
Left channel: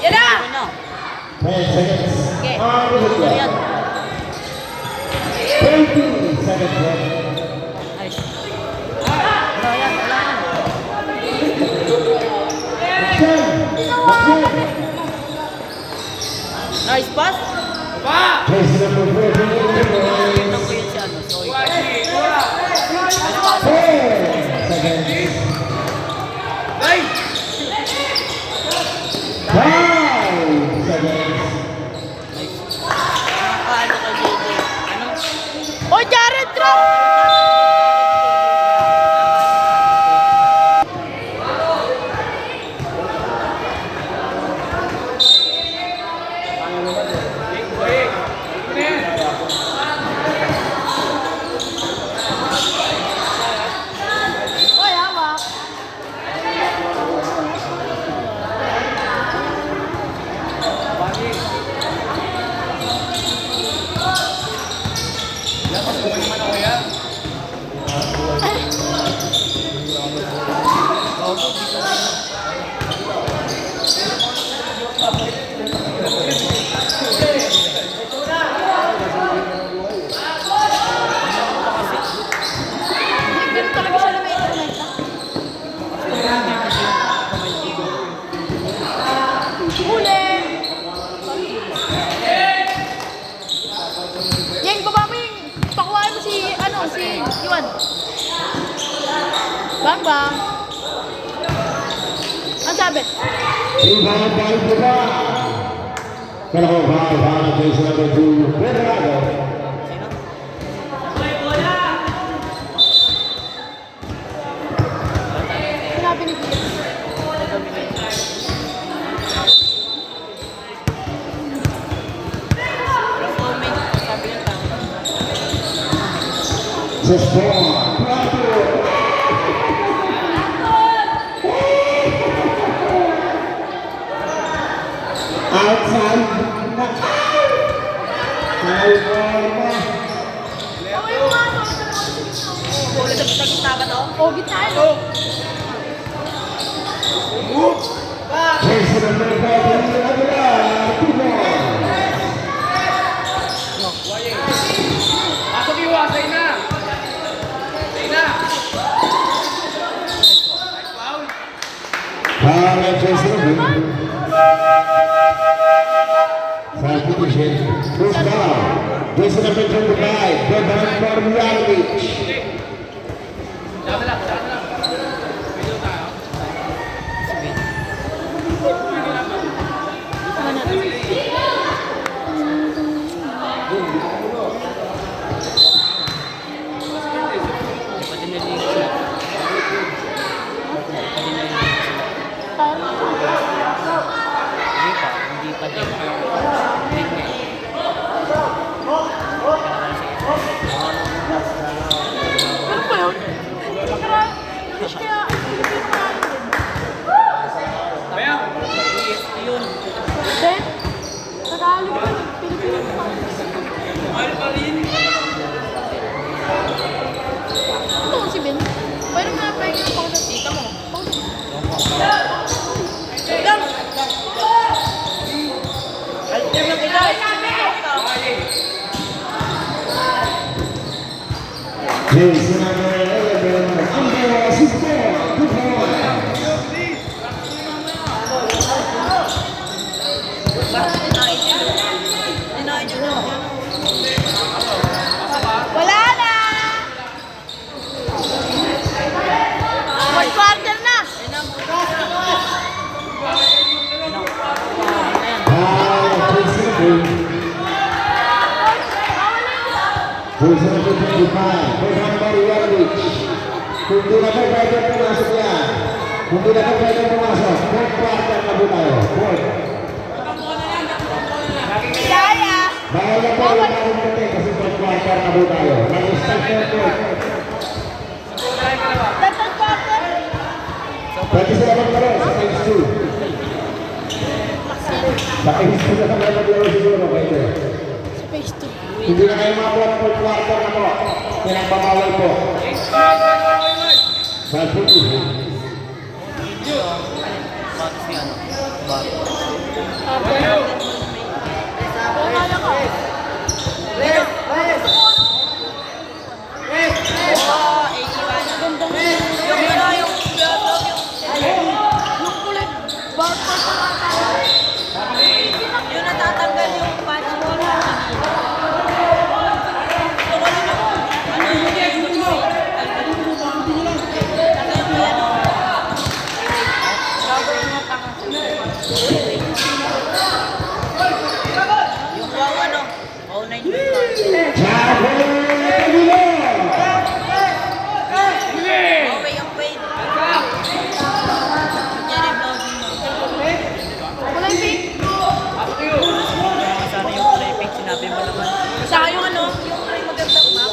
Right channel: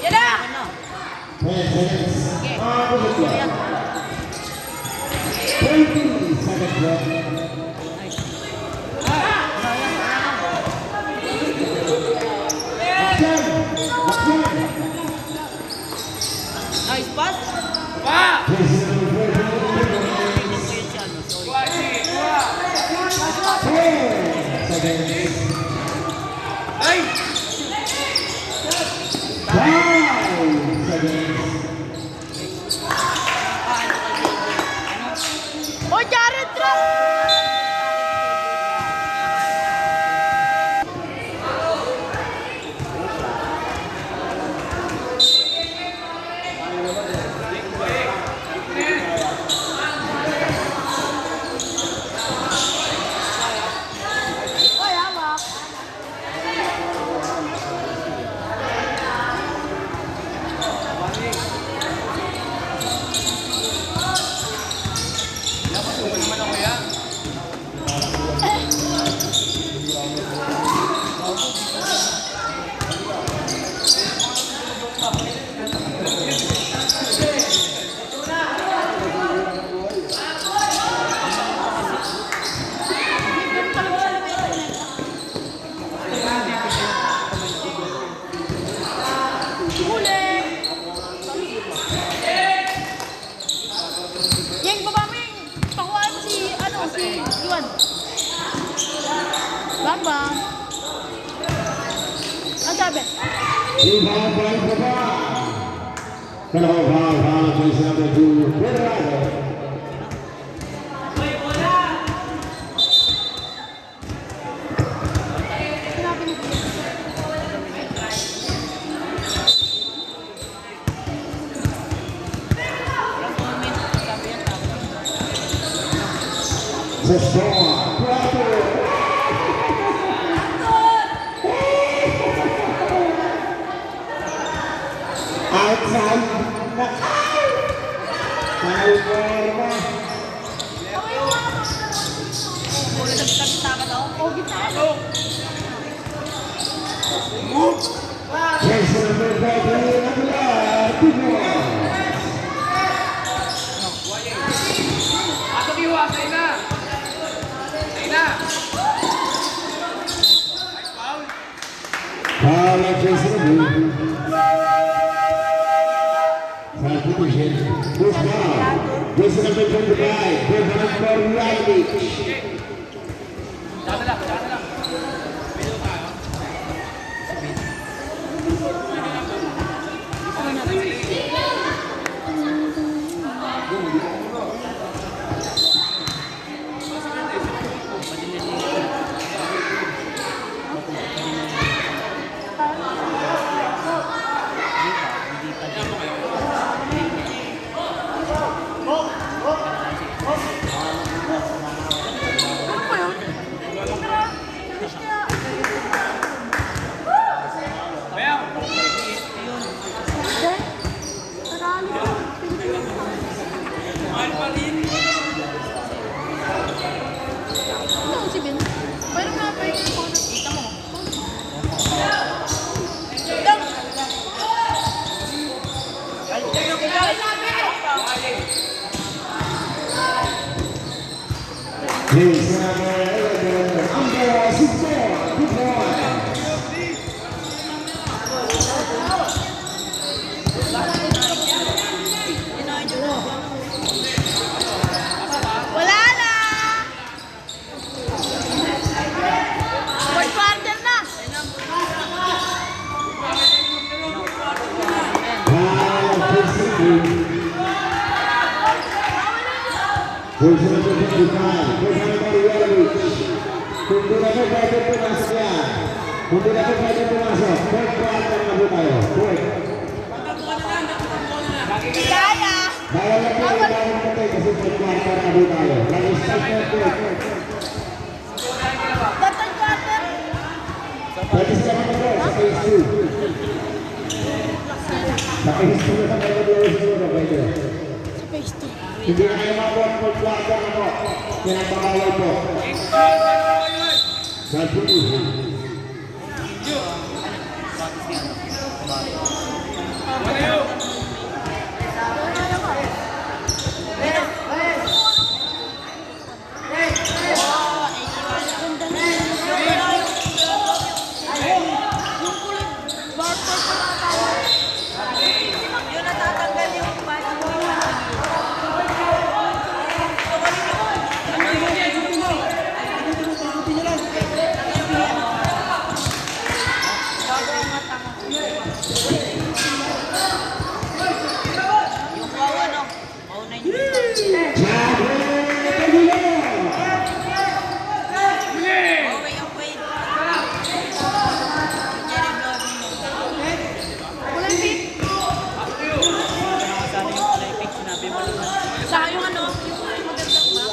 Yan na! Ano? 10 seconds. Okay. On the clock. Yan. 20 seconds left. Nice. Action! Action! Nice pass. Pa! Jersey number 14, Unang ko yun si ano, so, Washi! Wala! 10 seconds. Ay! 5 seconds. paano kay JJ? Ano? O, Jared Trent! Oy, hawak. Ganun talaga siya na may internet. Huli! Yan, baba mo yung pakuhaan mo si, ano, si Yuan. Bang, bang. Ang sabi? Rebound by Baba. Pero foul, jersey number 2, Redondo. Sinabi ni Kuya. Sa score, Plato. Outside. California. O, gitna. Jersey number 14, Aguilar. 2 more. Ako diwa! Sa'yo na! Sa'yo na! Nice foul! Foul at jersey number 2. Substitution. First foul. Jersey number 25, Bogdan Morjanovic. Tsaka na lang! Tsaka na lang! Video tayo. Hindi pa din. Ano pa yun? Kaya, Bayaw! Yun. Ben, Tagalog, Pilipino pa. Mahal pa rin! Ano si Ben? Pwede nga pa yung pang tita mo. Jersey number 11, Andrea Sister. 2 points. Wala na! Fourth quarter na! Foul, jersey number Bawal na yung isa. Jersey number 25, Bogdan Morjanovic. Kung di na po pwede pumasok yan. Kung di na po pwede pumasok, fourth quarter na po tayo. Fourth. Kaya! Bawal na po yung dami natin kasi fourth quarter na po tayo. Mag-start na po. Third quarter! Pwede sila maglaro sa phase 2. Sa phase 2 na kami maglaro siguro. Pwede. Sa phase 2. Hindi na kayo mga fourth quarter na po. Pinagbabawal po. Substitution. Wala na ka. Ganda na yun. Yung kulit, barcode. Yun natatanggal yung password. Wala yung pink. Kasama yung kulay pink, sinabi mo naman. Saka yung ano, yung magandang ba?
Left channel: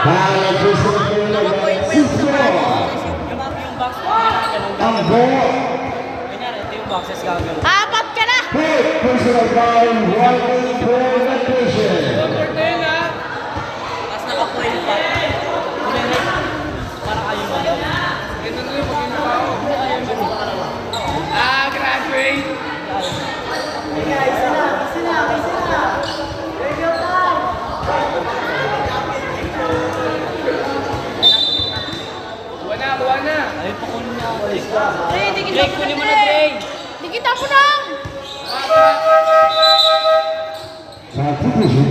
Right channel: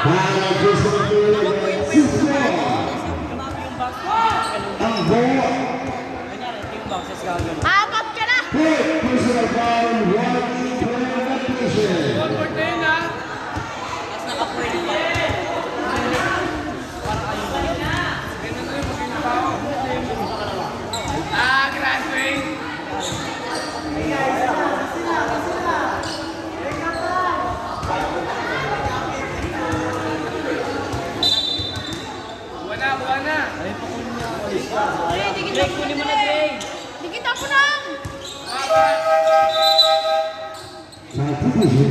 Para personal player, Cisco. Yung box, Ambo. kunyari, ito yung boxes gagawin. Apat ka na! Hit personal foul, 1 minute for adaptation. One more na yun, ha? Tapos nakakuha pa. Parang ayaw mo. Ganun na yun, mag-inip pa ako. Graduate! Kuha na, kuha na! Ayaw pa kunin mo. Dre, kunin mo na, Dre. Dikita ko lang! Mapa! Sa division,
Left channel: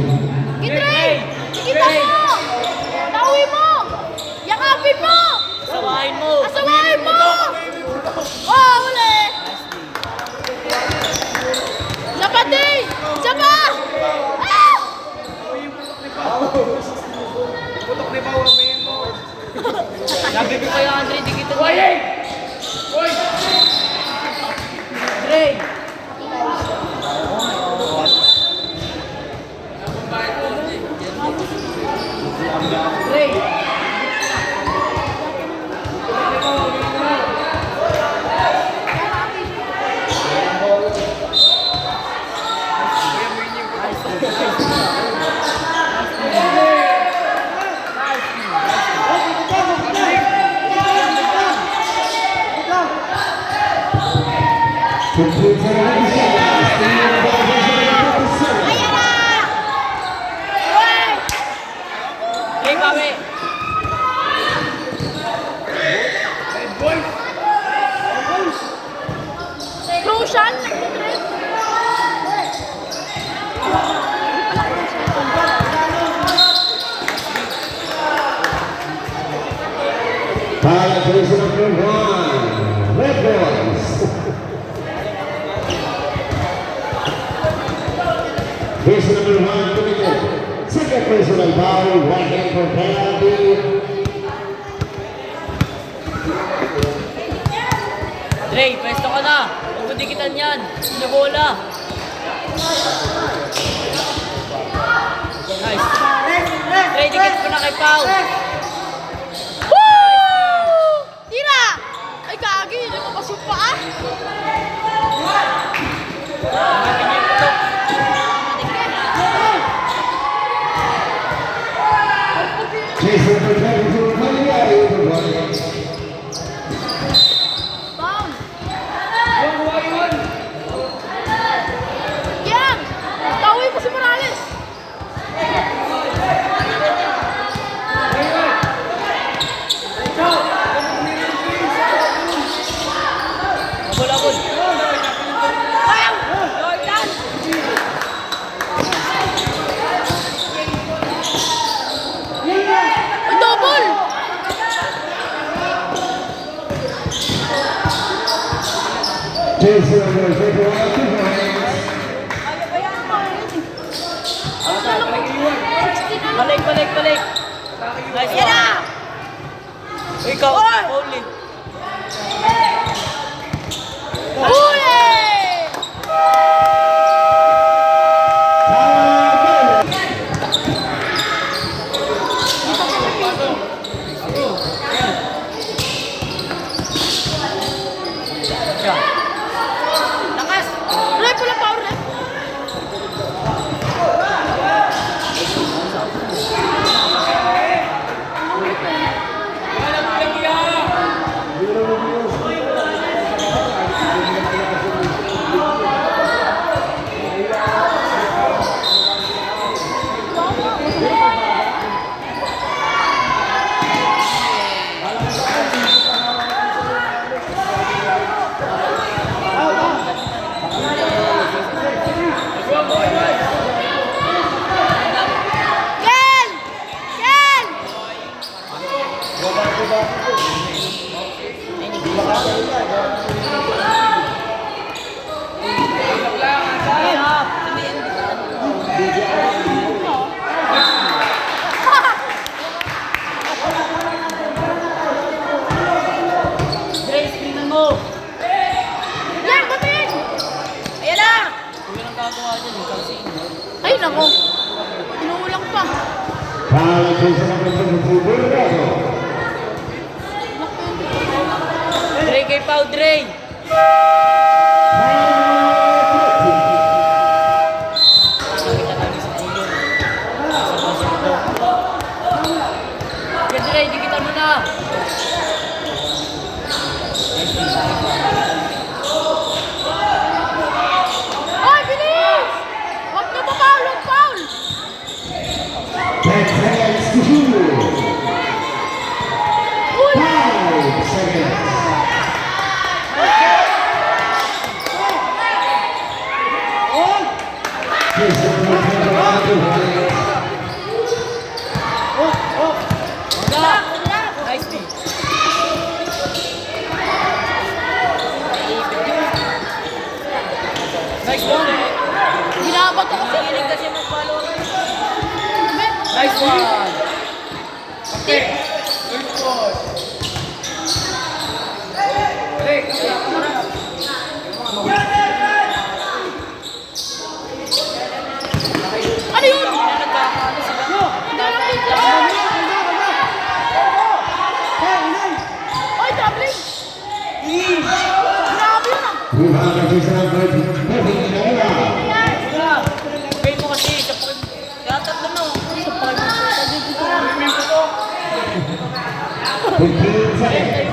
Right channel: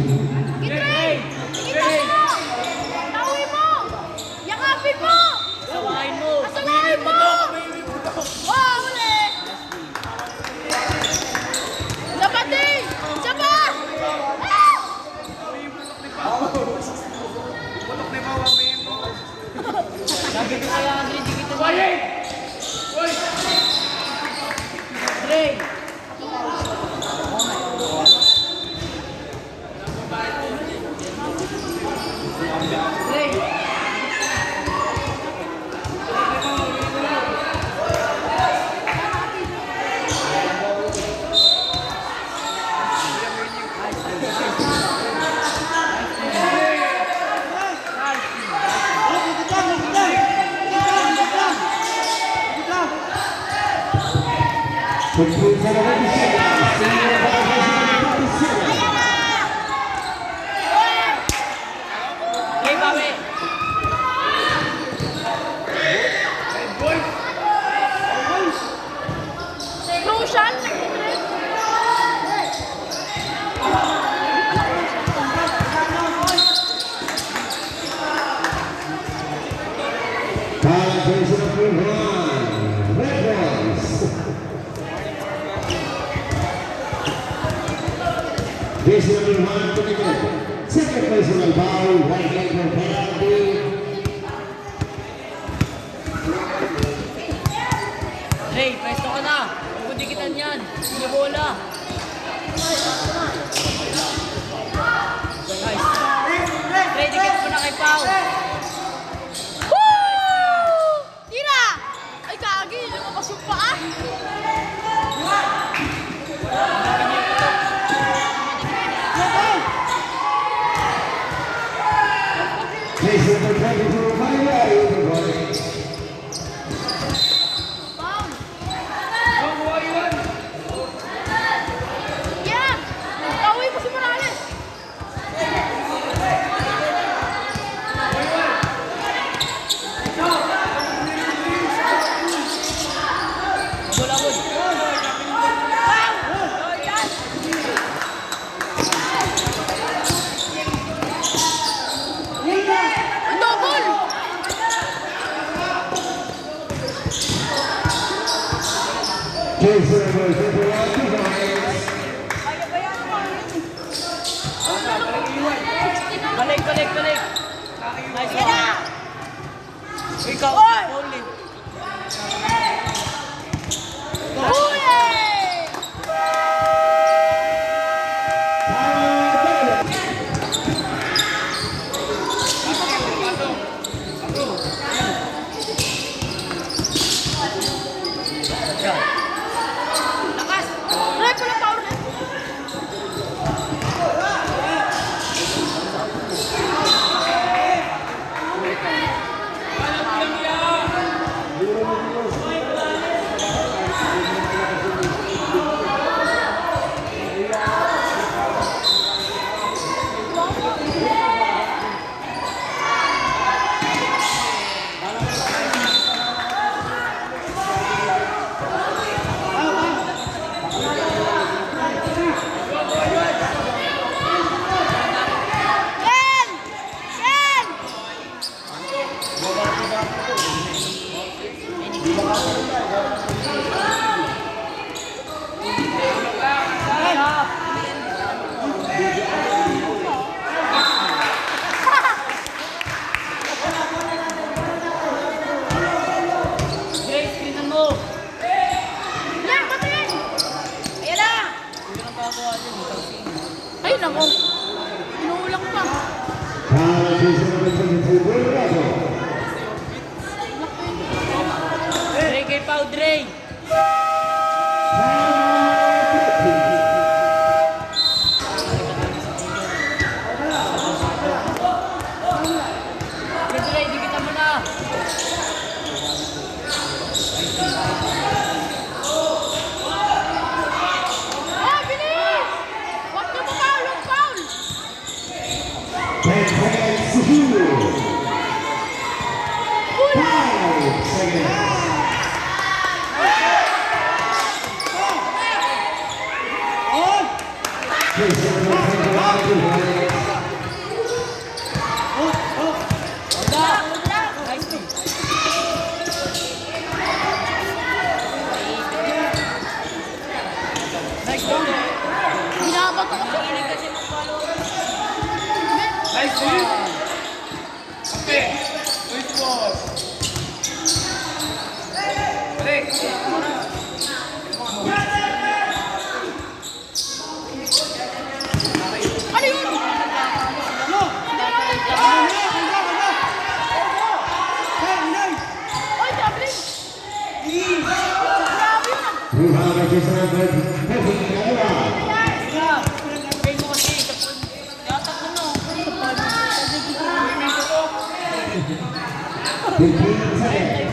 Gitray! Dikita mo! Tawi mo! Yakapin mo! Sawahin mo. Asawahin mo! Oh, wala eh! Dapat din! Saba! Ah! Amoy yung putok ni Pao! Putok ni Pao, amoyin mo! Sabi ko sa'yo, Andre, di kita. Quiet! Uy! Dre. Dre. complete for the Dre, bawi. Lucian! Para personal number 1, Red Bulls. Personal number 1, second personal foul, 1 hit for penalty. Dre, pwesto ka na. Huwag mo dikitan yan. Bumubola. Nice. Dre, dikit mo na kay Pao. Woo! Tira! Ay, kagi! Lumabas yung paa! Jason protected for Cagliari, the ball. Yan! Tawi mo si Morales! Bulabog. Ang double! Jason will take it out to the hands. Balik, balik, balik. Nice Yan one. na! Ikaw, only. Huli! Lakas! Ray, pula power lang! gagawa dyan eh. Kasi Ay, nako. Inuulang pa. Para po sa number 22, Bolero. Dre kay Pau, Dre! Kaya Dre, dikitan mo na! Ay, bilis! Huwag ka pa foul, huwag foul! 10 seconds to shoot. 5 seconds. Yes, number 22, Nice D! Nice ball! Binabato ko siya. Hilig kasi mag-follow. Nice, eh. Kape. Luis Boss. Balik. Ano yun? Ay, tabling! Grabe na. Rebound by sa number 14, Nola. Pay mo kasi, tapos yatat mo no. Swimming ko to. 15 seconds.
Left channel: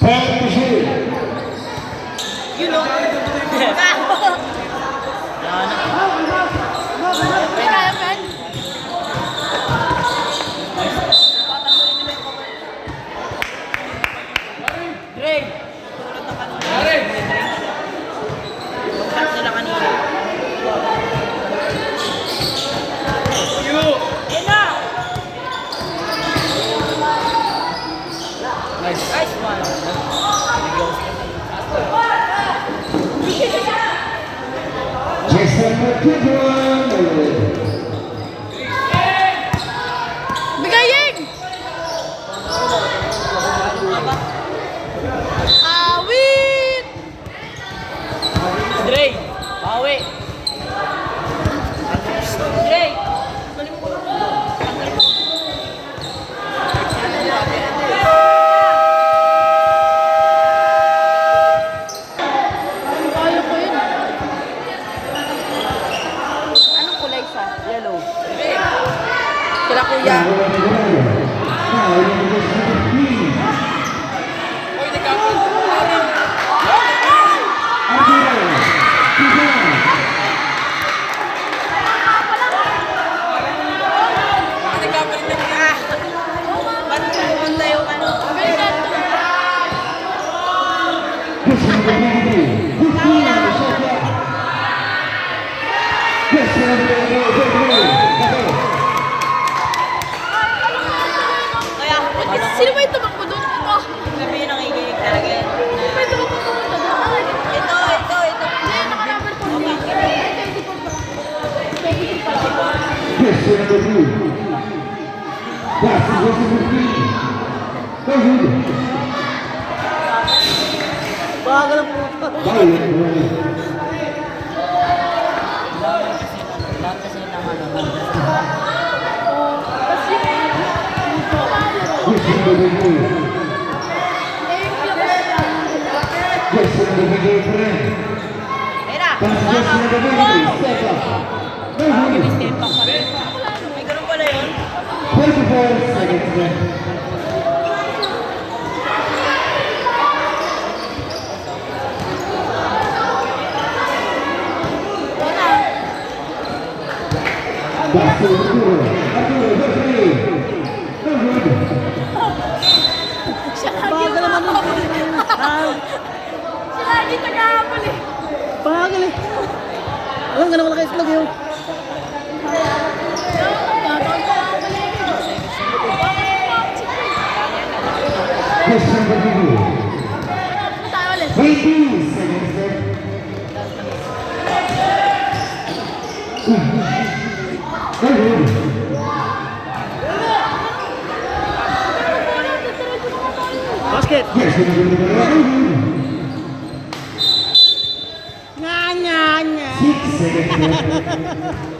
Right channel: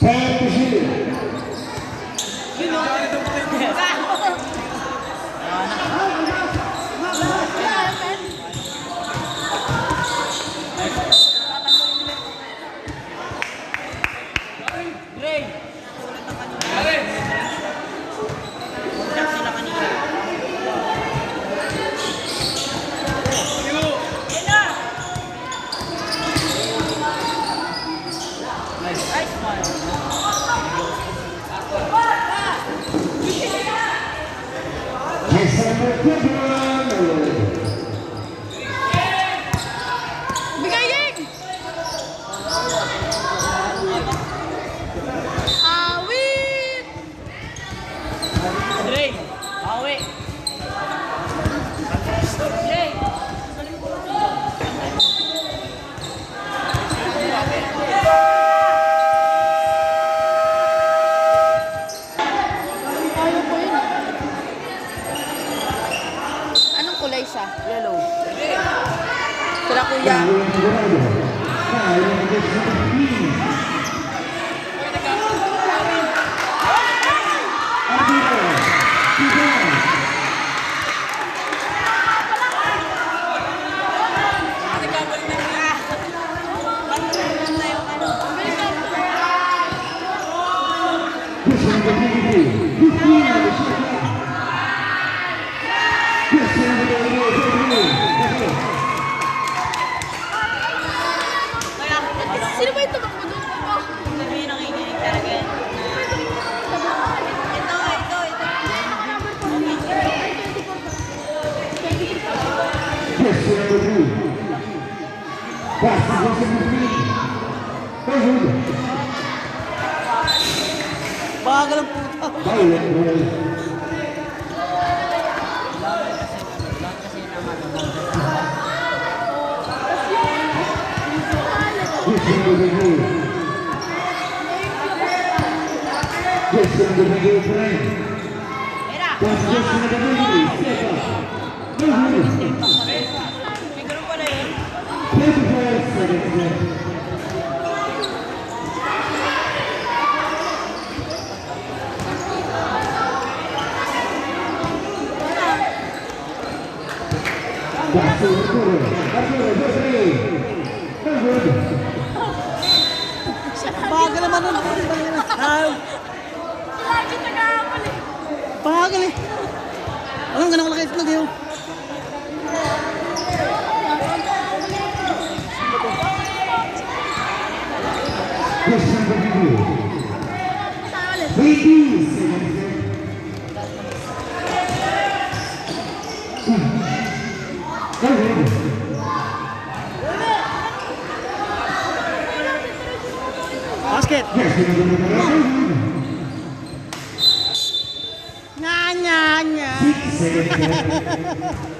10 to shoot. You know. Kaya, men. Dre! Balik. Sila kanina. Kilo. Nice one. Yes, number 21. Bigayin! Awit! Dre! Bawi! Dre! Galing mo ko. Kaya ko yun. Anong kulay siya? Yellow. Sila kuya. Sino ba yung tumakbo doon? Ito. Sabi yun ang ikinig talaga yan. Sino ba yung tumakbo doon? Ito. Yan, naka-number 14. Yes, number 2. Pass is number 3. Go ahead. Bagal ang puto. Bye. Yes, number 2. Yes, number 2. Pera! Pass is number 3. Step up. Go ahead. May ganun pala yun. 24 seconds left. Pass is Arturo. Arturo, go three. Go ahead. Bagal naman nun. Lagi nag-aapal eh. Bagal eh. Alam ka na kalaki itlog yun. Question number 2. Tayo ulit. 18 seconds left. Go ahead. Basket! Yes, number 1. 6 seconds left.